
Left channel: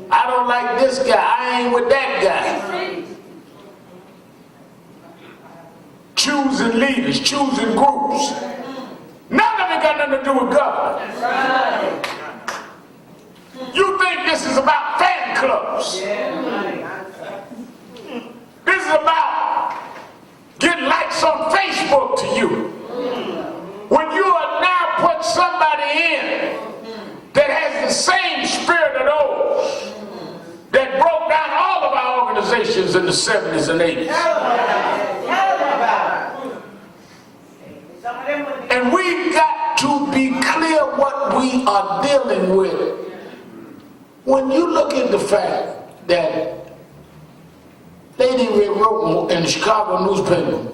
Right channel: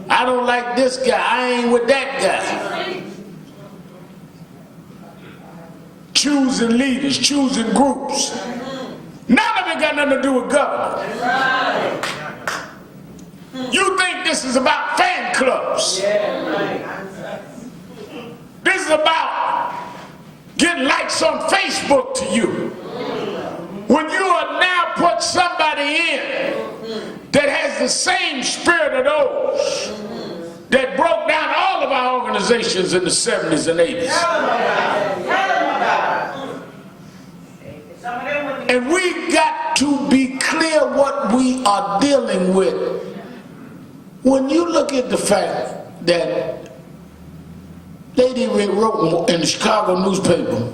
I don't like this guy. I ain't with that guy. Choosing leaders, choosing groups. None of it got nothing to do with government. You think this is about fan clubs. This is about getting likes on Facebook to you. When you are now put somebody in that has the same spirit of those that broke down all of our organizations in the 70s and 80s. And we've got to be clear what we are dealing with. When you look at the fact that lady wrote in the Chicago newspaper,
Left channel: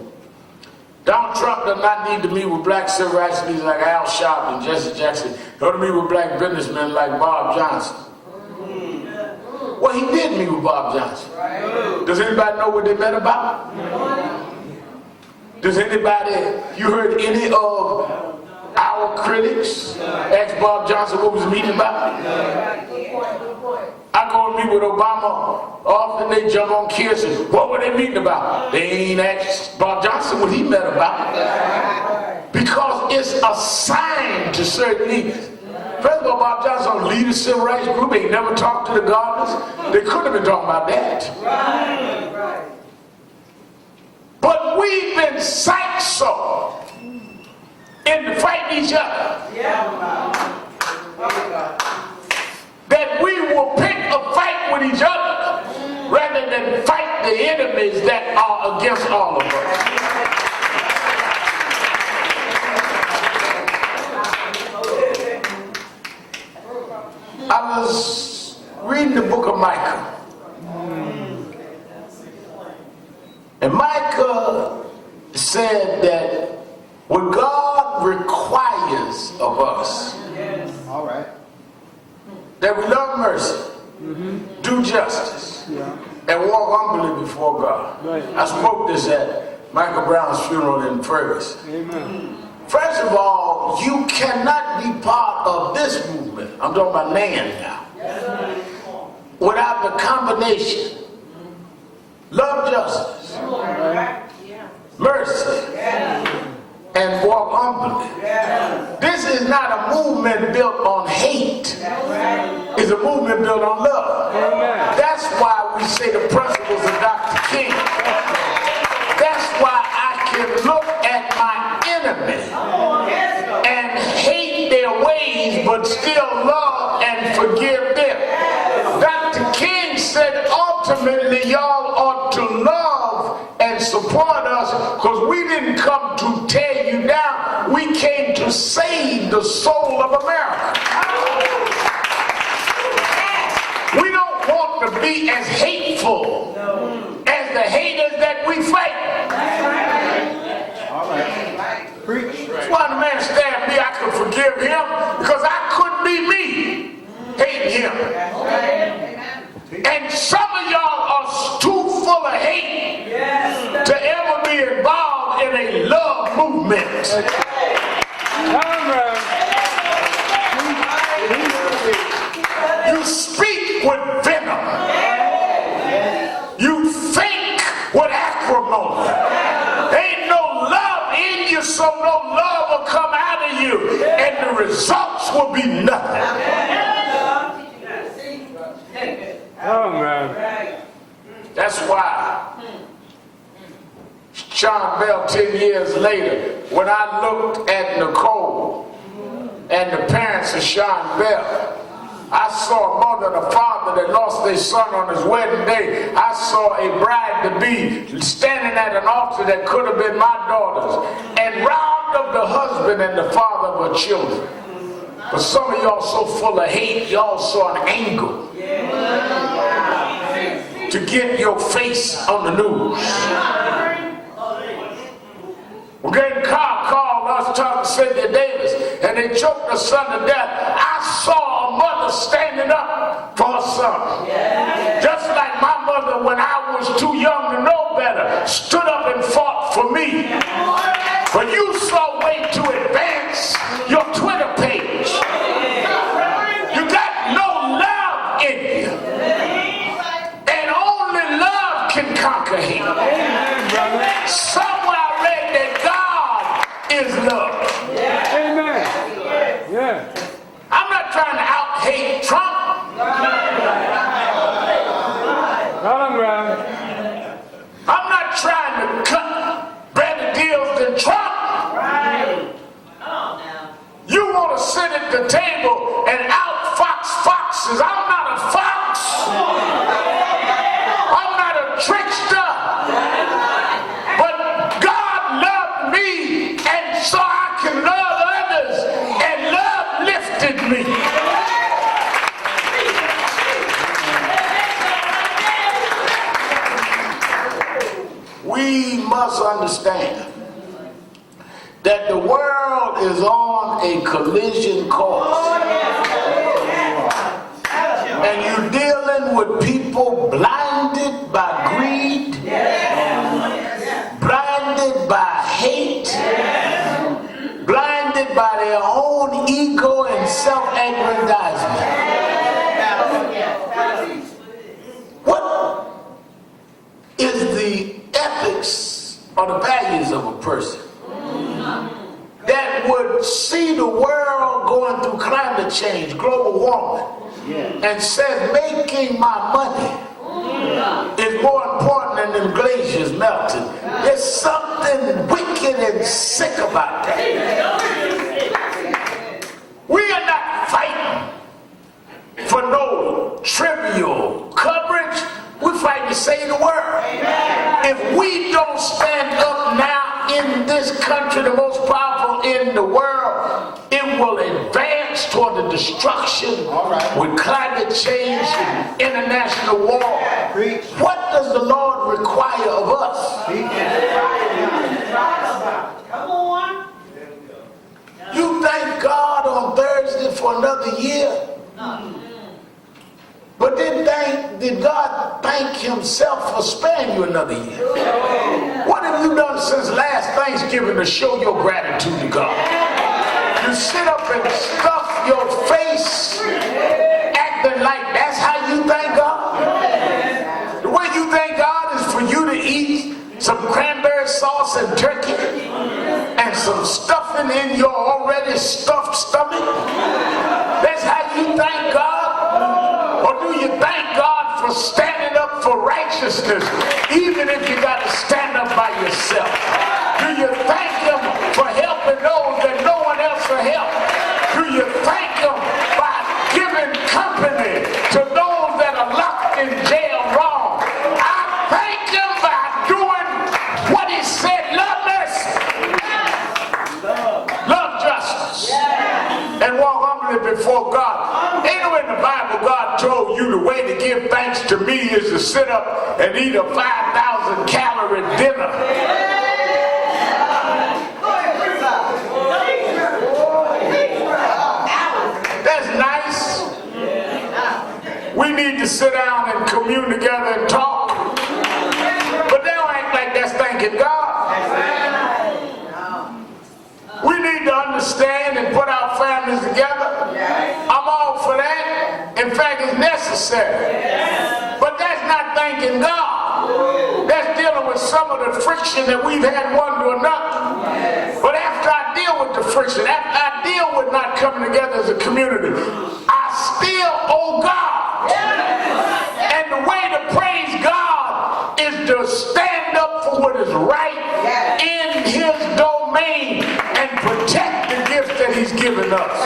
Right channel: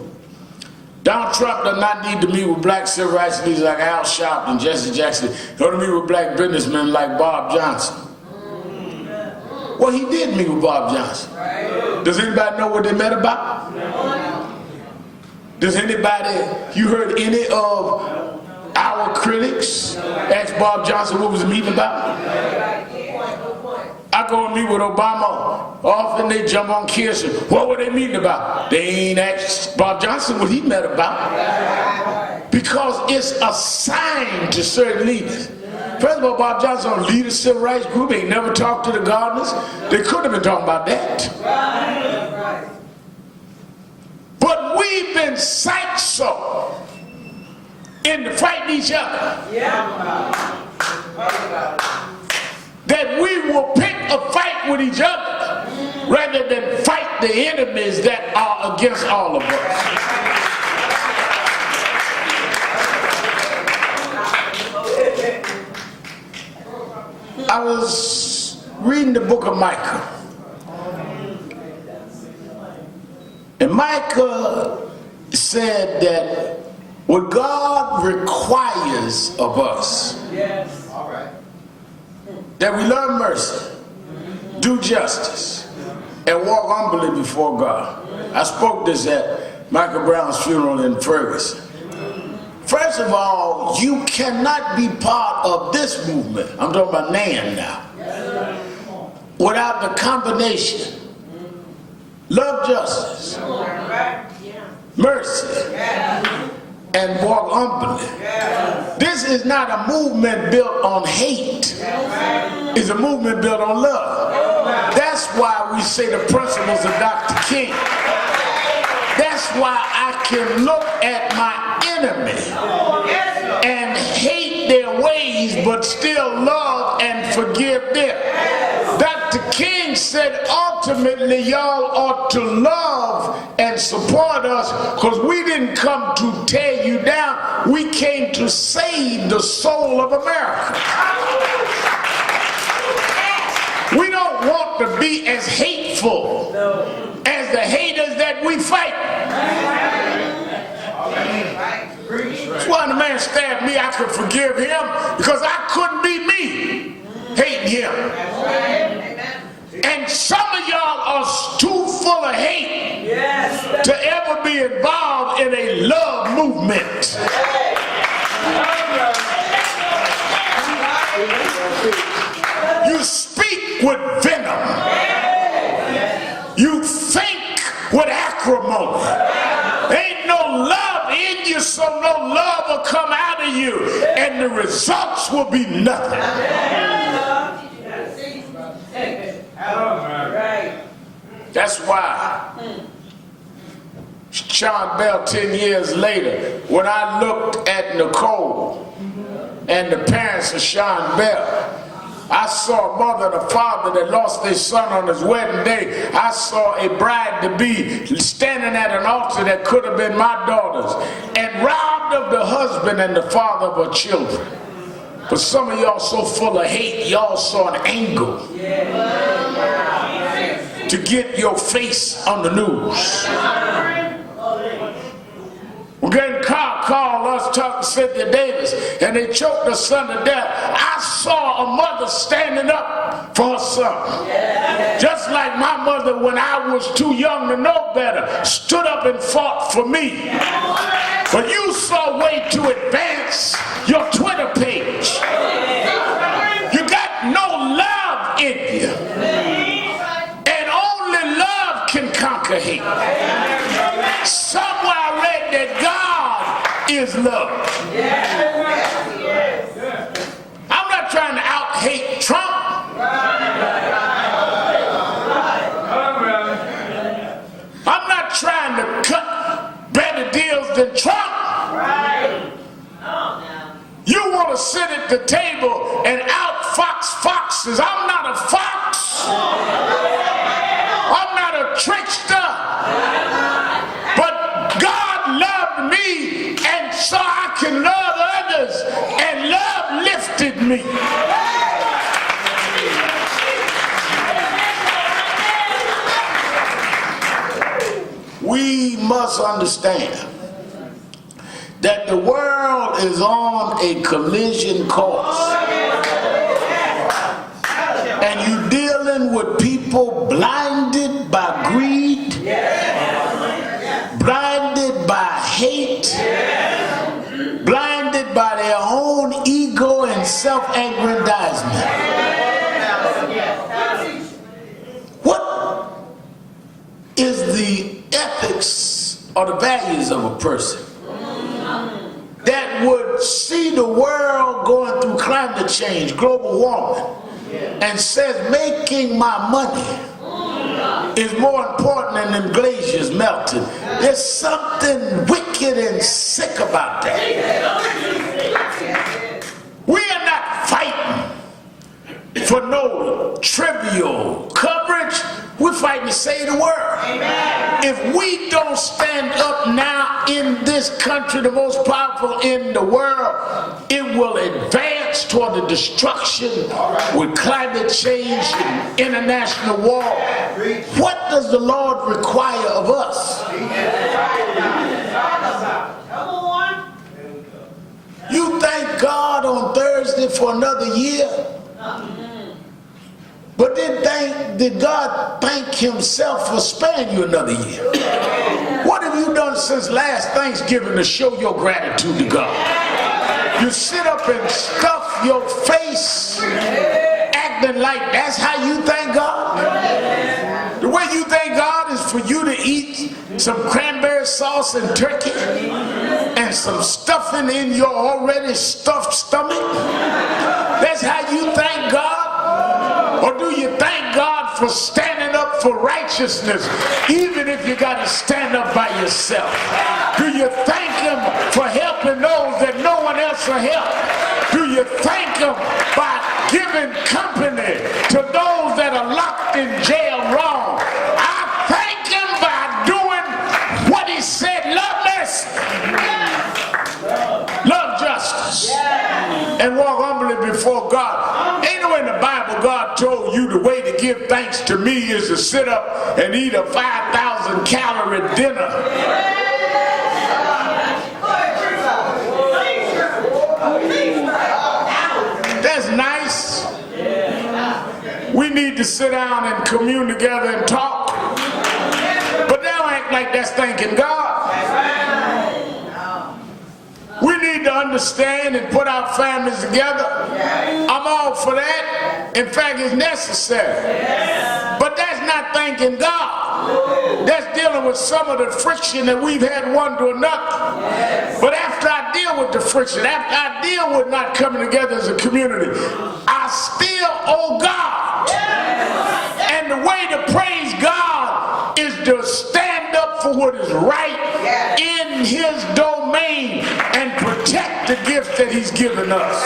Donald Trump does not need to meet with black civil rights leaders like Al Sharpton, Jesse Jackson. He ought to meet with black businessmen like Bob Johnson. Well, he did meet with Bob Johnson. Does anybody know what they met about? Does anybody, you heard any of our critics ask Bob Johnson what was the meeting about? I go and meet with Obama. Often they jump on Kirsten. What were they meeting about? They ain't asked Bob Johnson what he met about. Because it's assigned to certain leaders. First of all, Bob Johnson don't lead a civil rights group. He never talked to the gardeners. They could have been talking about that. But we've been psyched so into fighting each other that we will pick a fight with each other rather than fight the enemies that are against all of us. I was reading the book of Micah. And Micah said that what God requires of us, that we love mercy, do justice, and walk humbly before God. I spoke this at Michael Brown's funeral in Ferguson. First of all, you cannot be part of this movement, I'm talking about NAN now, without the combination love justice, mercy, and walk humbly. This is not a movement built on hate. It's a movement built on love. That's why we say the principles of Dr. King. That's why I can look at my enemy and hate their ways but still love and forgive them. Dr. King said ultimately y'all ought to love and support us because we didn't come to tear you down. We came to save the soul of America. We don't want to be as hateful as the haters that we fight. That's why the man stabbed me, I could forgive him because I couldn't be me hating him. And some of y'all are too full of hate to ever be involved in a love movement. You speak with venom. You think with acrimony. Ain't no love in you, so no love will come out of you, and the results will be nothing. That's why Sean Bell 10 years later, when I looked at Nicole and the parents of Sean Bell, I saw a mother and a father that lost their son on his wedding day. I saw a bride-to-be standing at an altar that could have been my daughter's and robbed of the husband and the father of her children. But some of y'all so full of hate, y'all saw an angle to get your face on the news. We're getting car called us talking to Cynthia Davis, and they choked her son to death. I saw a mother standing up for her son. Just like my mother, when I was too young to know better, stood up and fought for me. But you saw a way to advance your Twitter page. You got no love in you. And only love can conquer hate. Somewhere I read that God is love. I'm not trying to out-hate Trump. I'm not trying to cut better deals than Trump. You want to sit at the table and out-fox foxes. I'm not a fox. I'm not a trickster. But God loved me, and so I can love others, and love lifted me. We must understand that the world is on a collision course. And you're dealing with people blinded by greed, blinded by hate, blinded by their own ego and self-aggrandizement. What is the ethics or the values of a person that would see the world going through climate change, global warming, and says making my money is more important than them glaciers melting? There's something wicked and sick about that. We are not fighting for no trivial coverage. We're fighting to save the world. If we don't stand up now in this country, the most powerful in the world, it will advance toward the destruction with climate change and international war. What does the Lord require of us? You thank God on Thursday for another year? But did God thank himself for sparing you another year? What did have you done since last Thanksgiving to show your gratitude to God? You sit up and stuff your face, acting like that's how you thank God? The way you thank God is for you to eat some cranberry sauce and turkey and some stuffing in your already stuffed stomach? That's how you thank God? Or do you thank God for standing up for righteousness, even if you got to stand up by yourself? Do you thank Him for helping those that no one else will help? Do you thank Him by giving company to those that are locked in jail wrong? I thank Him by doing what He said: love mercy, love justice, and walk humbly before God. Anywhere in the Bible God told you the way to give thanks to me is to sit up and eat a 5,000 calorie dinner. That's nice. We need to sit down and commune together and talk. But they don't act like that's thanking God. We need to understand and put our families together. I'm all for that. In fact, it's necessary. But that's not thanking God. That's dealing with some of the friction that we've had one to another. But after I deal with the friction, after I deal with not coming together as a community, I still owe God. And the way to praise God is to stand up for what is right in His domain and protect the gifts that He's given us.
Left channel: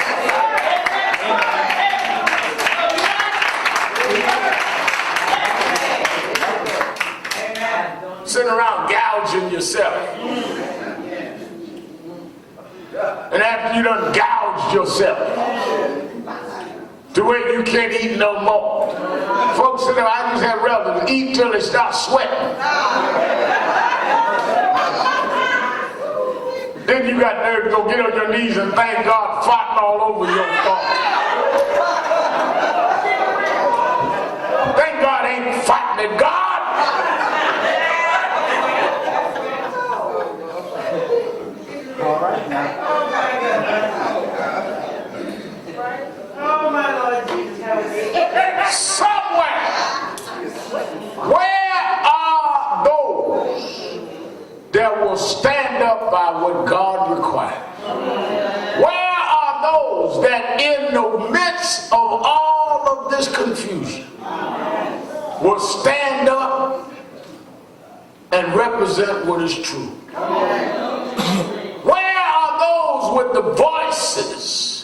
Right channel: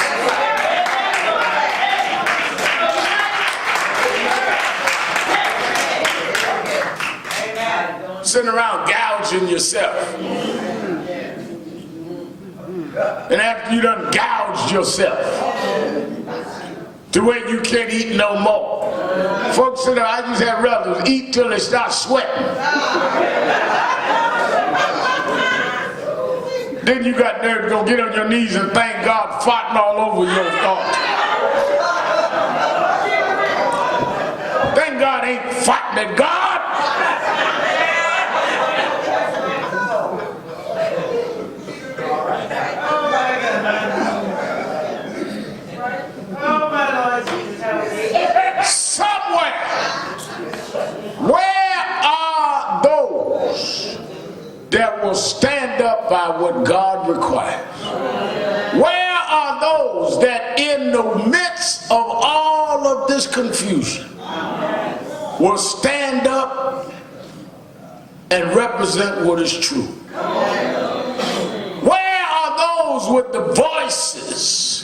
Sitting around gouging yourself. And after you done gouged yourself to where you can't eat no more. Folks say, I just have relatives eat till they start sweating. Then you got nerve to go get on your knees and thank God farting all over your thoughts. Thank God ain't farting at God. Somewhere, where are those that will stand up by what God requires? Where are those that in the midst of all of this confusion will stand up and represent what is true? Where are those with the voices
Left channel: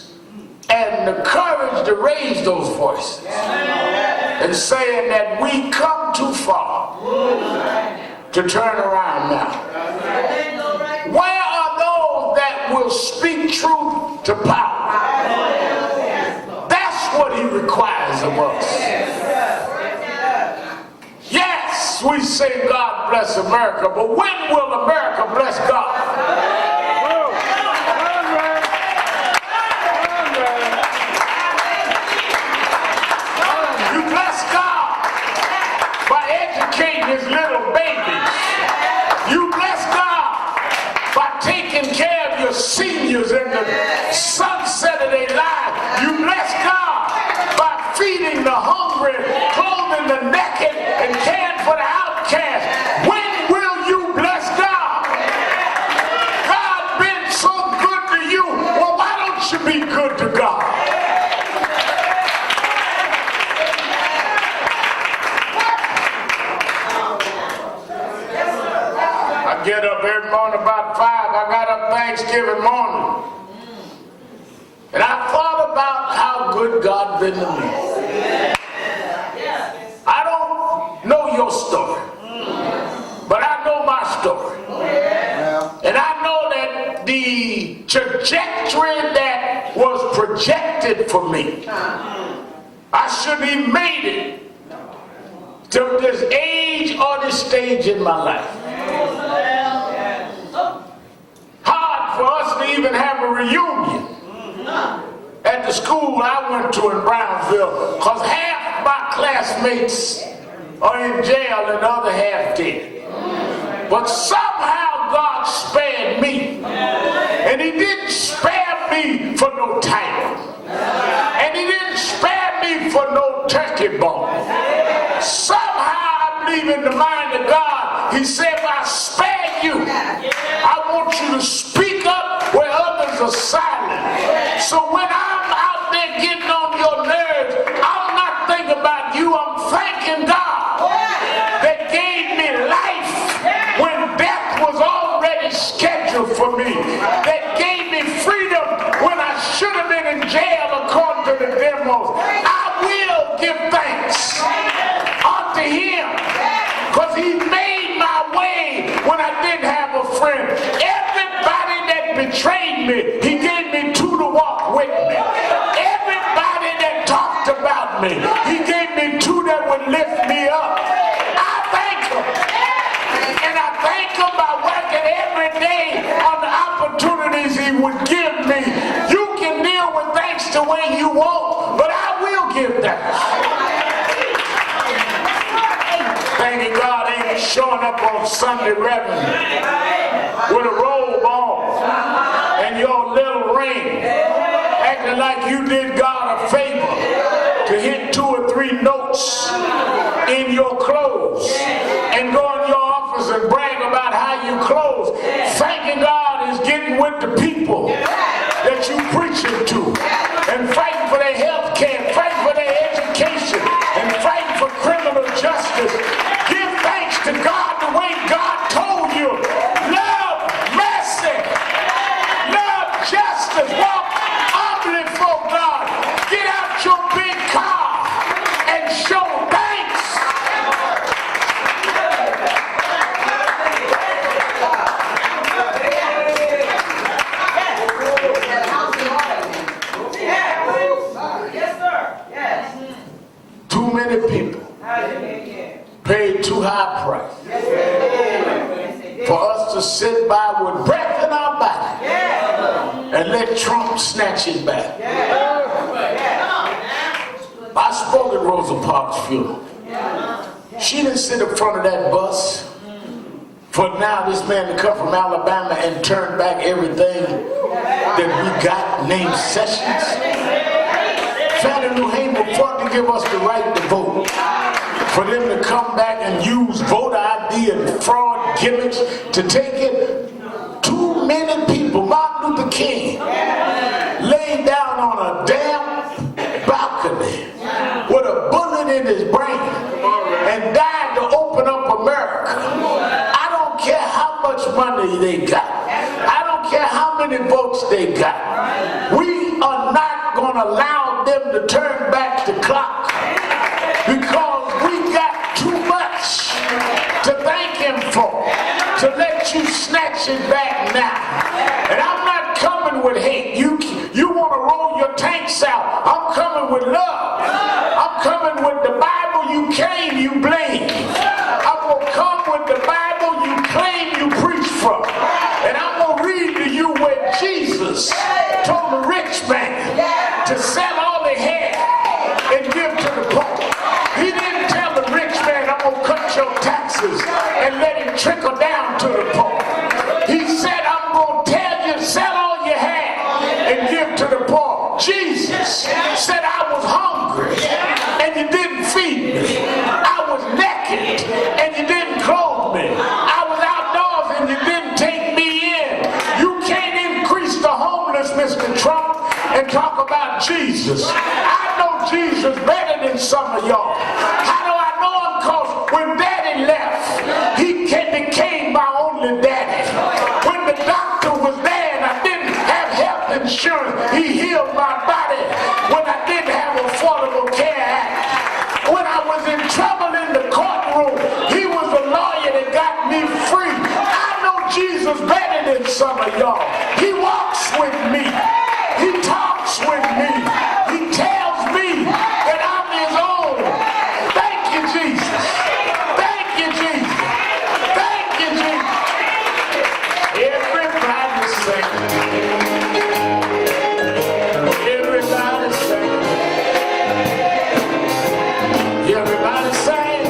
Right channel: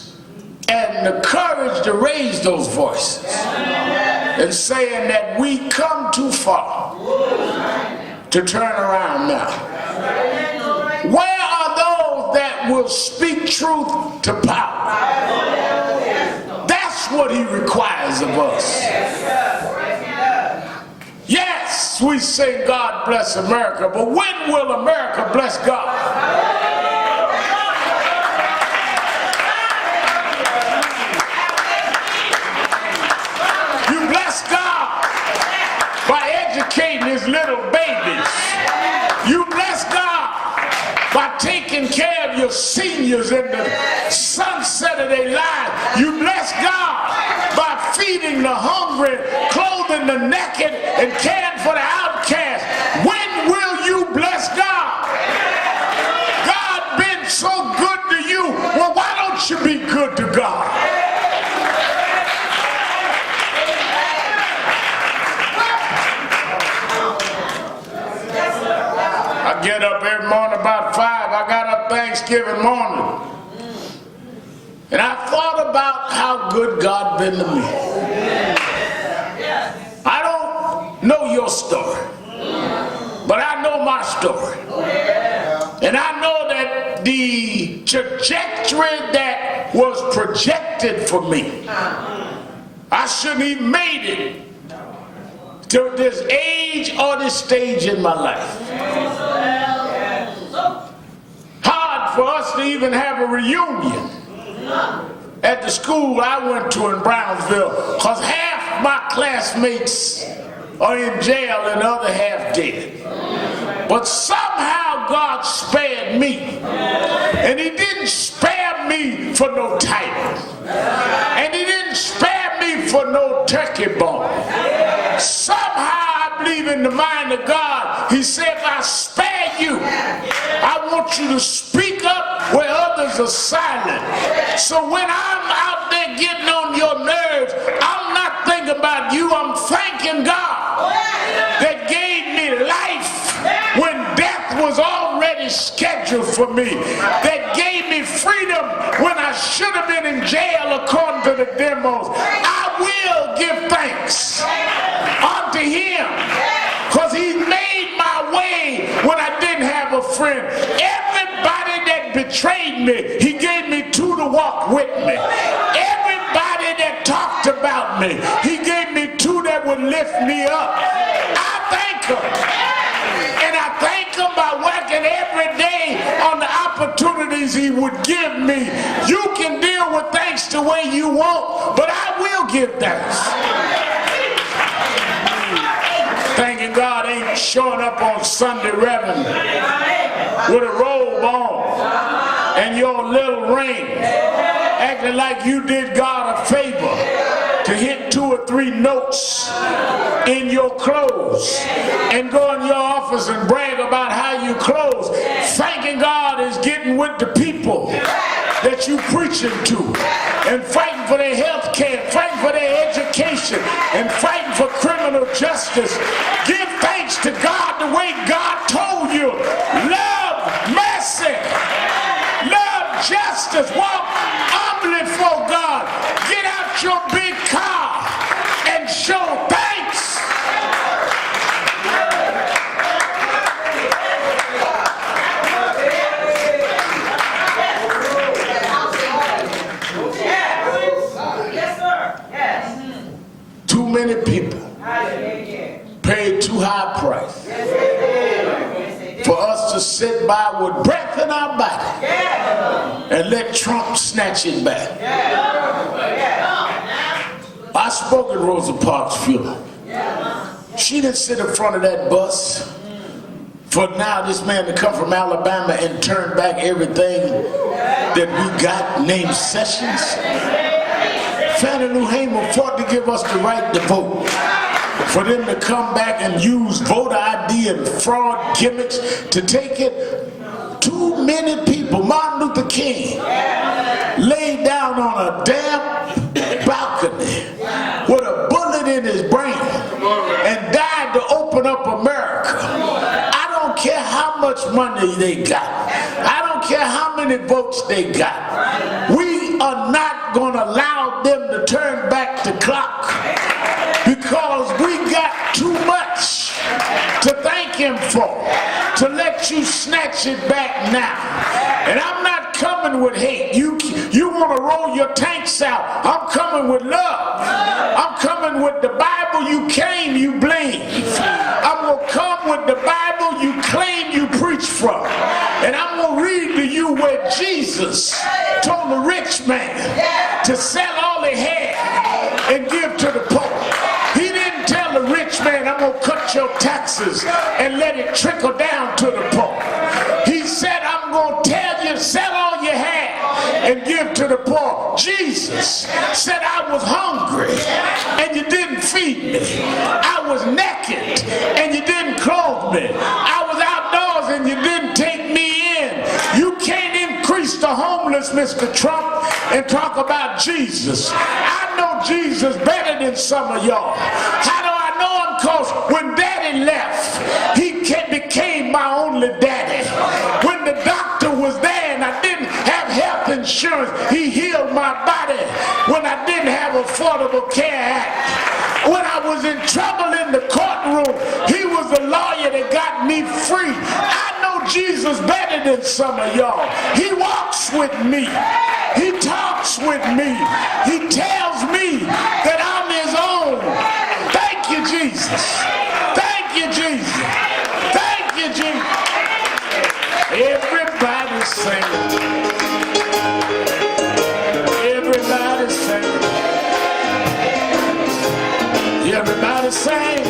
and the courage to raise those voices and saying that we come too far to turn around now? Where are those that will speak truth to power? That's what He requires of us. Yes, we say God bless America, but when will America bless God? You bless God by educating His little babies. You bless God by taking care of your seniors in the sunset of their lives. You bless God by feeding the hungry, clothing the naked, and caring for the outcast. When will you bless God? God been so good to you. Well, why don't you be good to God? I get up every morning about 5. I got up Thanksgiving morning. And I thought about how good God been to me. I don't know your story, but I know my story. And I know that the trajectory that was projected for me, I shouldn't have made it to this age or this stage in my life. Hard for us to even have a reunion at the school I went to in Brownsville, because half my classmates are in jail and the other half dead. But somehow how God spared me. And he didn't spare me for no title. And he didn't spare me for no turkey bone. Somehow I believe in the mind of God. He said, if I spare you, I want you to speak up where others are silent. So when I'm out there getting on your nerves, I'm not thinking about you. I'm thanking God that gave me life when death was already scheduled for me. That gave me freedom when I should have been in jail according to the demos. I will give thanks unto him because he made my way when I didn't have a friend. Everybody that betrayed me, he gave me two to walk with me. Everybody that talked about me, he gave me two that would lift me up. I thank him. And I thank him by working every day on the opportunities he would give me. You can deal with thanks the way you want, but I will give thanks. Thanking God ain't showing up on Sunday Reverend with a robe on and your little ring, acting like you did God a favor to hit 2 or 3 notes in your clothes and go in your office and brag about how you close. Thanking God is getting with the people that you preaching to and fighting for their health care, fighting for their education, and fighting for criminal justice. Give thanks to God the way God told you. Love mercy, love justice, walk humbly for God. Get out your big car and show thanks. Too many people paid too high a price for us to sit by with breath in our body and let Trump snatch it back. I spoke at Rosa Parks' funeral. She didn't sit in front of that bus for now this man to come from Alabama and turn back everything that we got, named Sessions. Fannie Lou Hamer fought to give us the right to vote. For them to come back and use voter ID and fraud gimmicks to take it. Too many people, Martin Luther King, laid down on a damn balcony with a bullet in his brain and died to open up America. I don't care how much money they got. I don't care how many votes they got. We are not going to allow them to turn back the clock because we got too much to thank him for, to let you snatch it back now. And I'm not coming with hate. You want to roll your tanks out. I'm coming with love. I'm coming with the Bible you claim you blame. I'm going to come with the Bible you claim you preach from. And I'm going to read to you where Jesus told the rich man to sell all he had and give to the poor. He didn't tell the rich man, I'm going to cut your taxes and let it trickle down to the poor. He said, I'm going to tell you, sell all you had and give to the poor. Jesus said, I was hungry and you didn't feed me. I was naked and you didn't clothe me. I was outdoors and you didn't take me in. You can't increase the homeless, Mr. Trump, and talk about Jesus. I know Jesus better than some of y'all. How do I know him? Because when Daddy left, he became my only daddy. When the doctor was there and I didn't have health insurance, he healed my body. When I didn't have Affordable Care Act, when I was in trouble in the courtroom, he was the lawyer that got me free. I know Jesus better than some of y'all. He walks with me. He talks with me. He tells me that I'm his own. Thank you, Jesus. Thank you, Jesus. Thank you, Jesus. Everybody sing. Everybody sing. Everybody sing.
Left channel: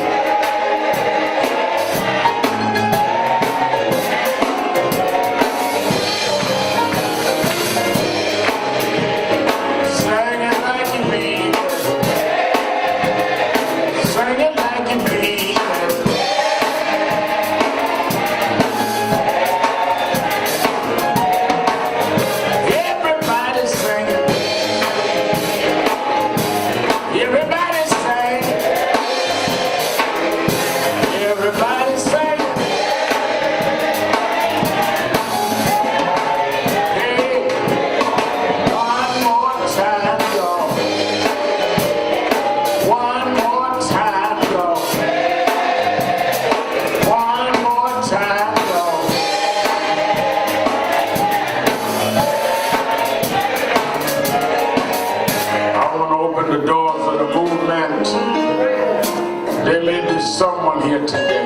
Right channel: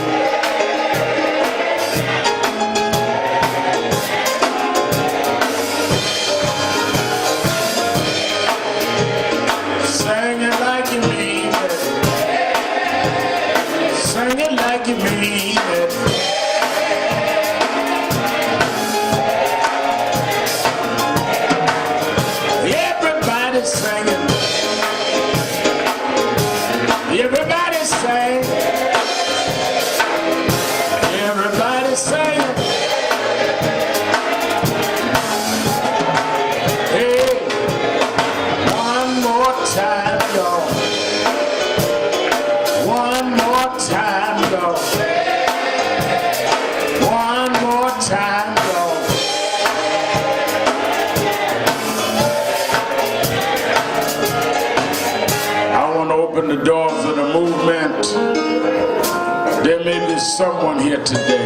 There may be someone here today,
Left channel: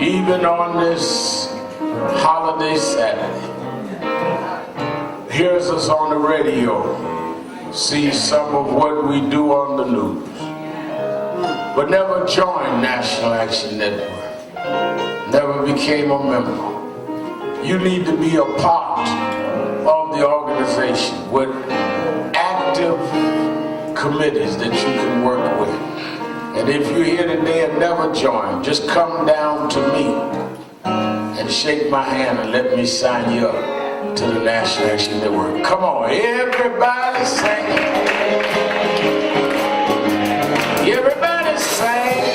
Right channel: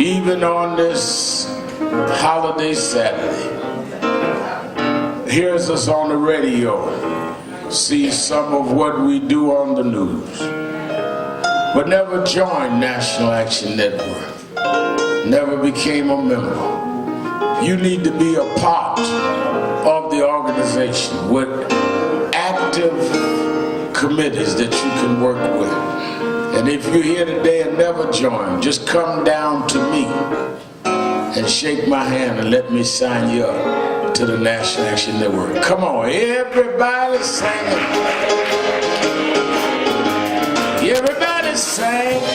even on this holiday Saturday, hears us on the radio, see some of what we do on the news, but never joined National Action Network, never became a member. You need to be a part of the organization with active committees that you can work with. And if you're here today and never joined, just come down to me and shake my hand and let me sign you up to the National Action Network. Come on, everybody sing. Everybody sing.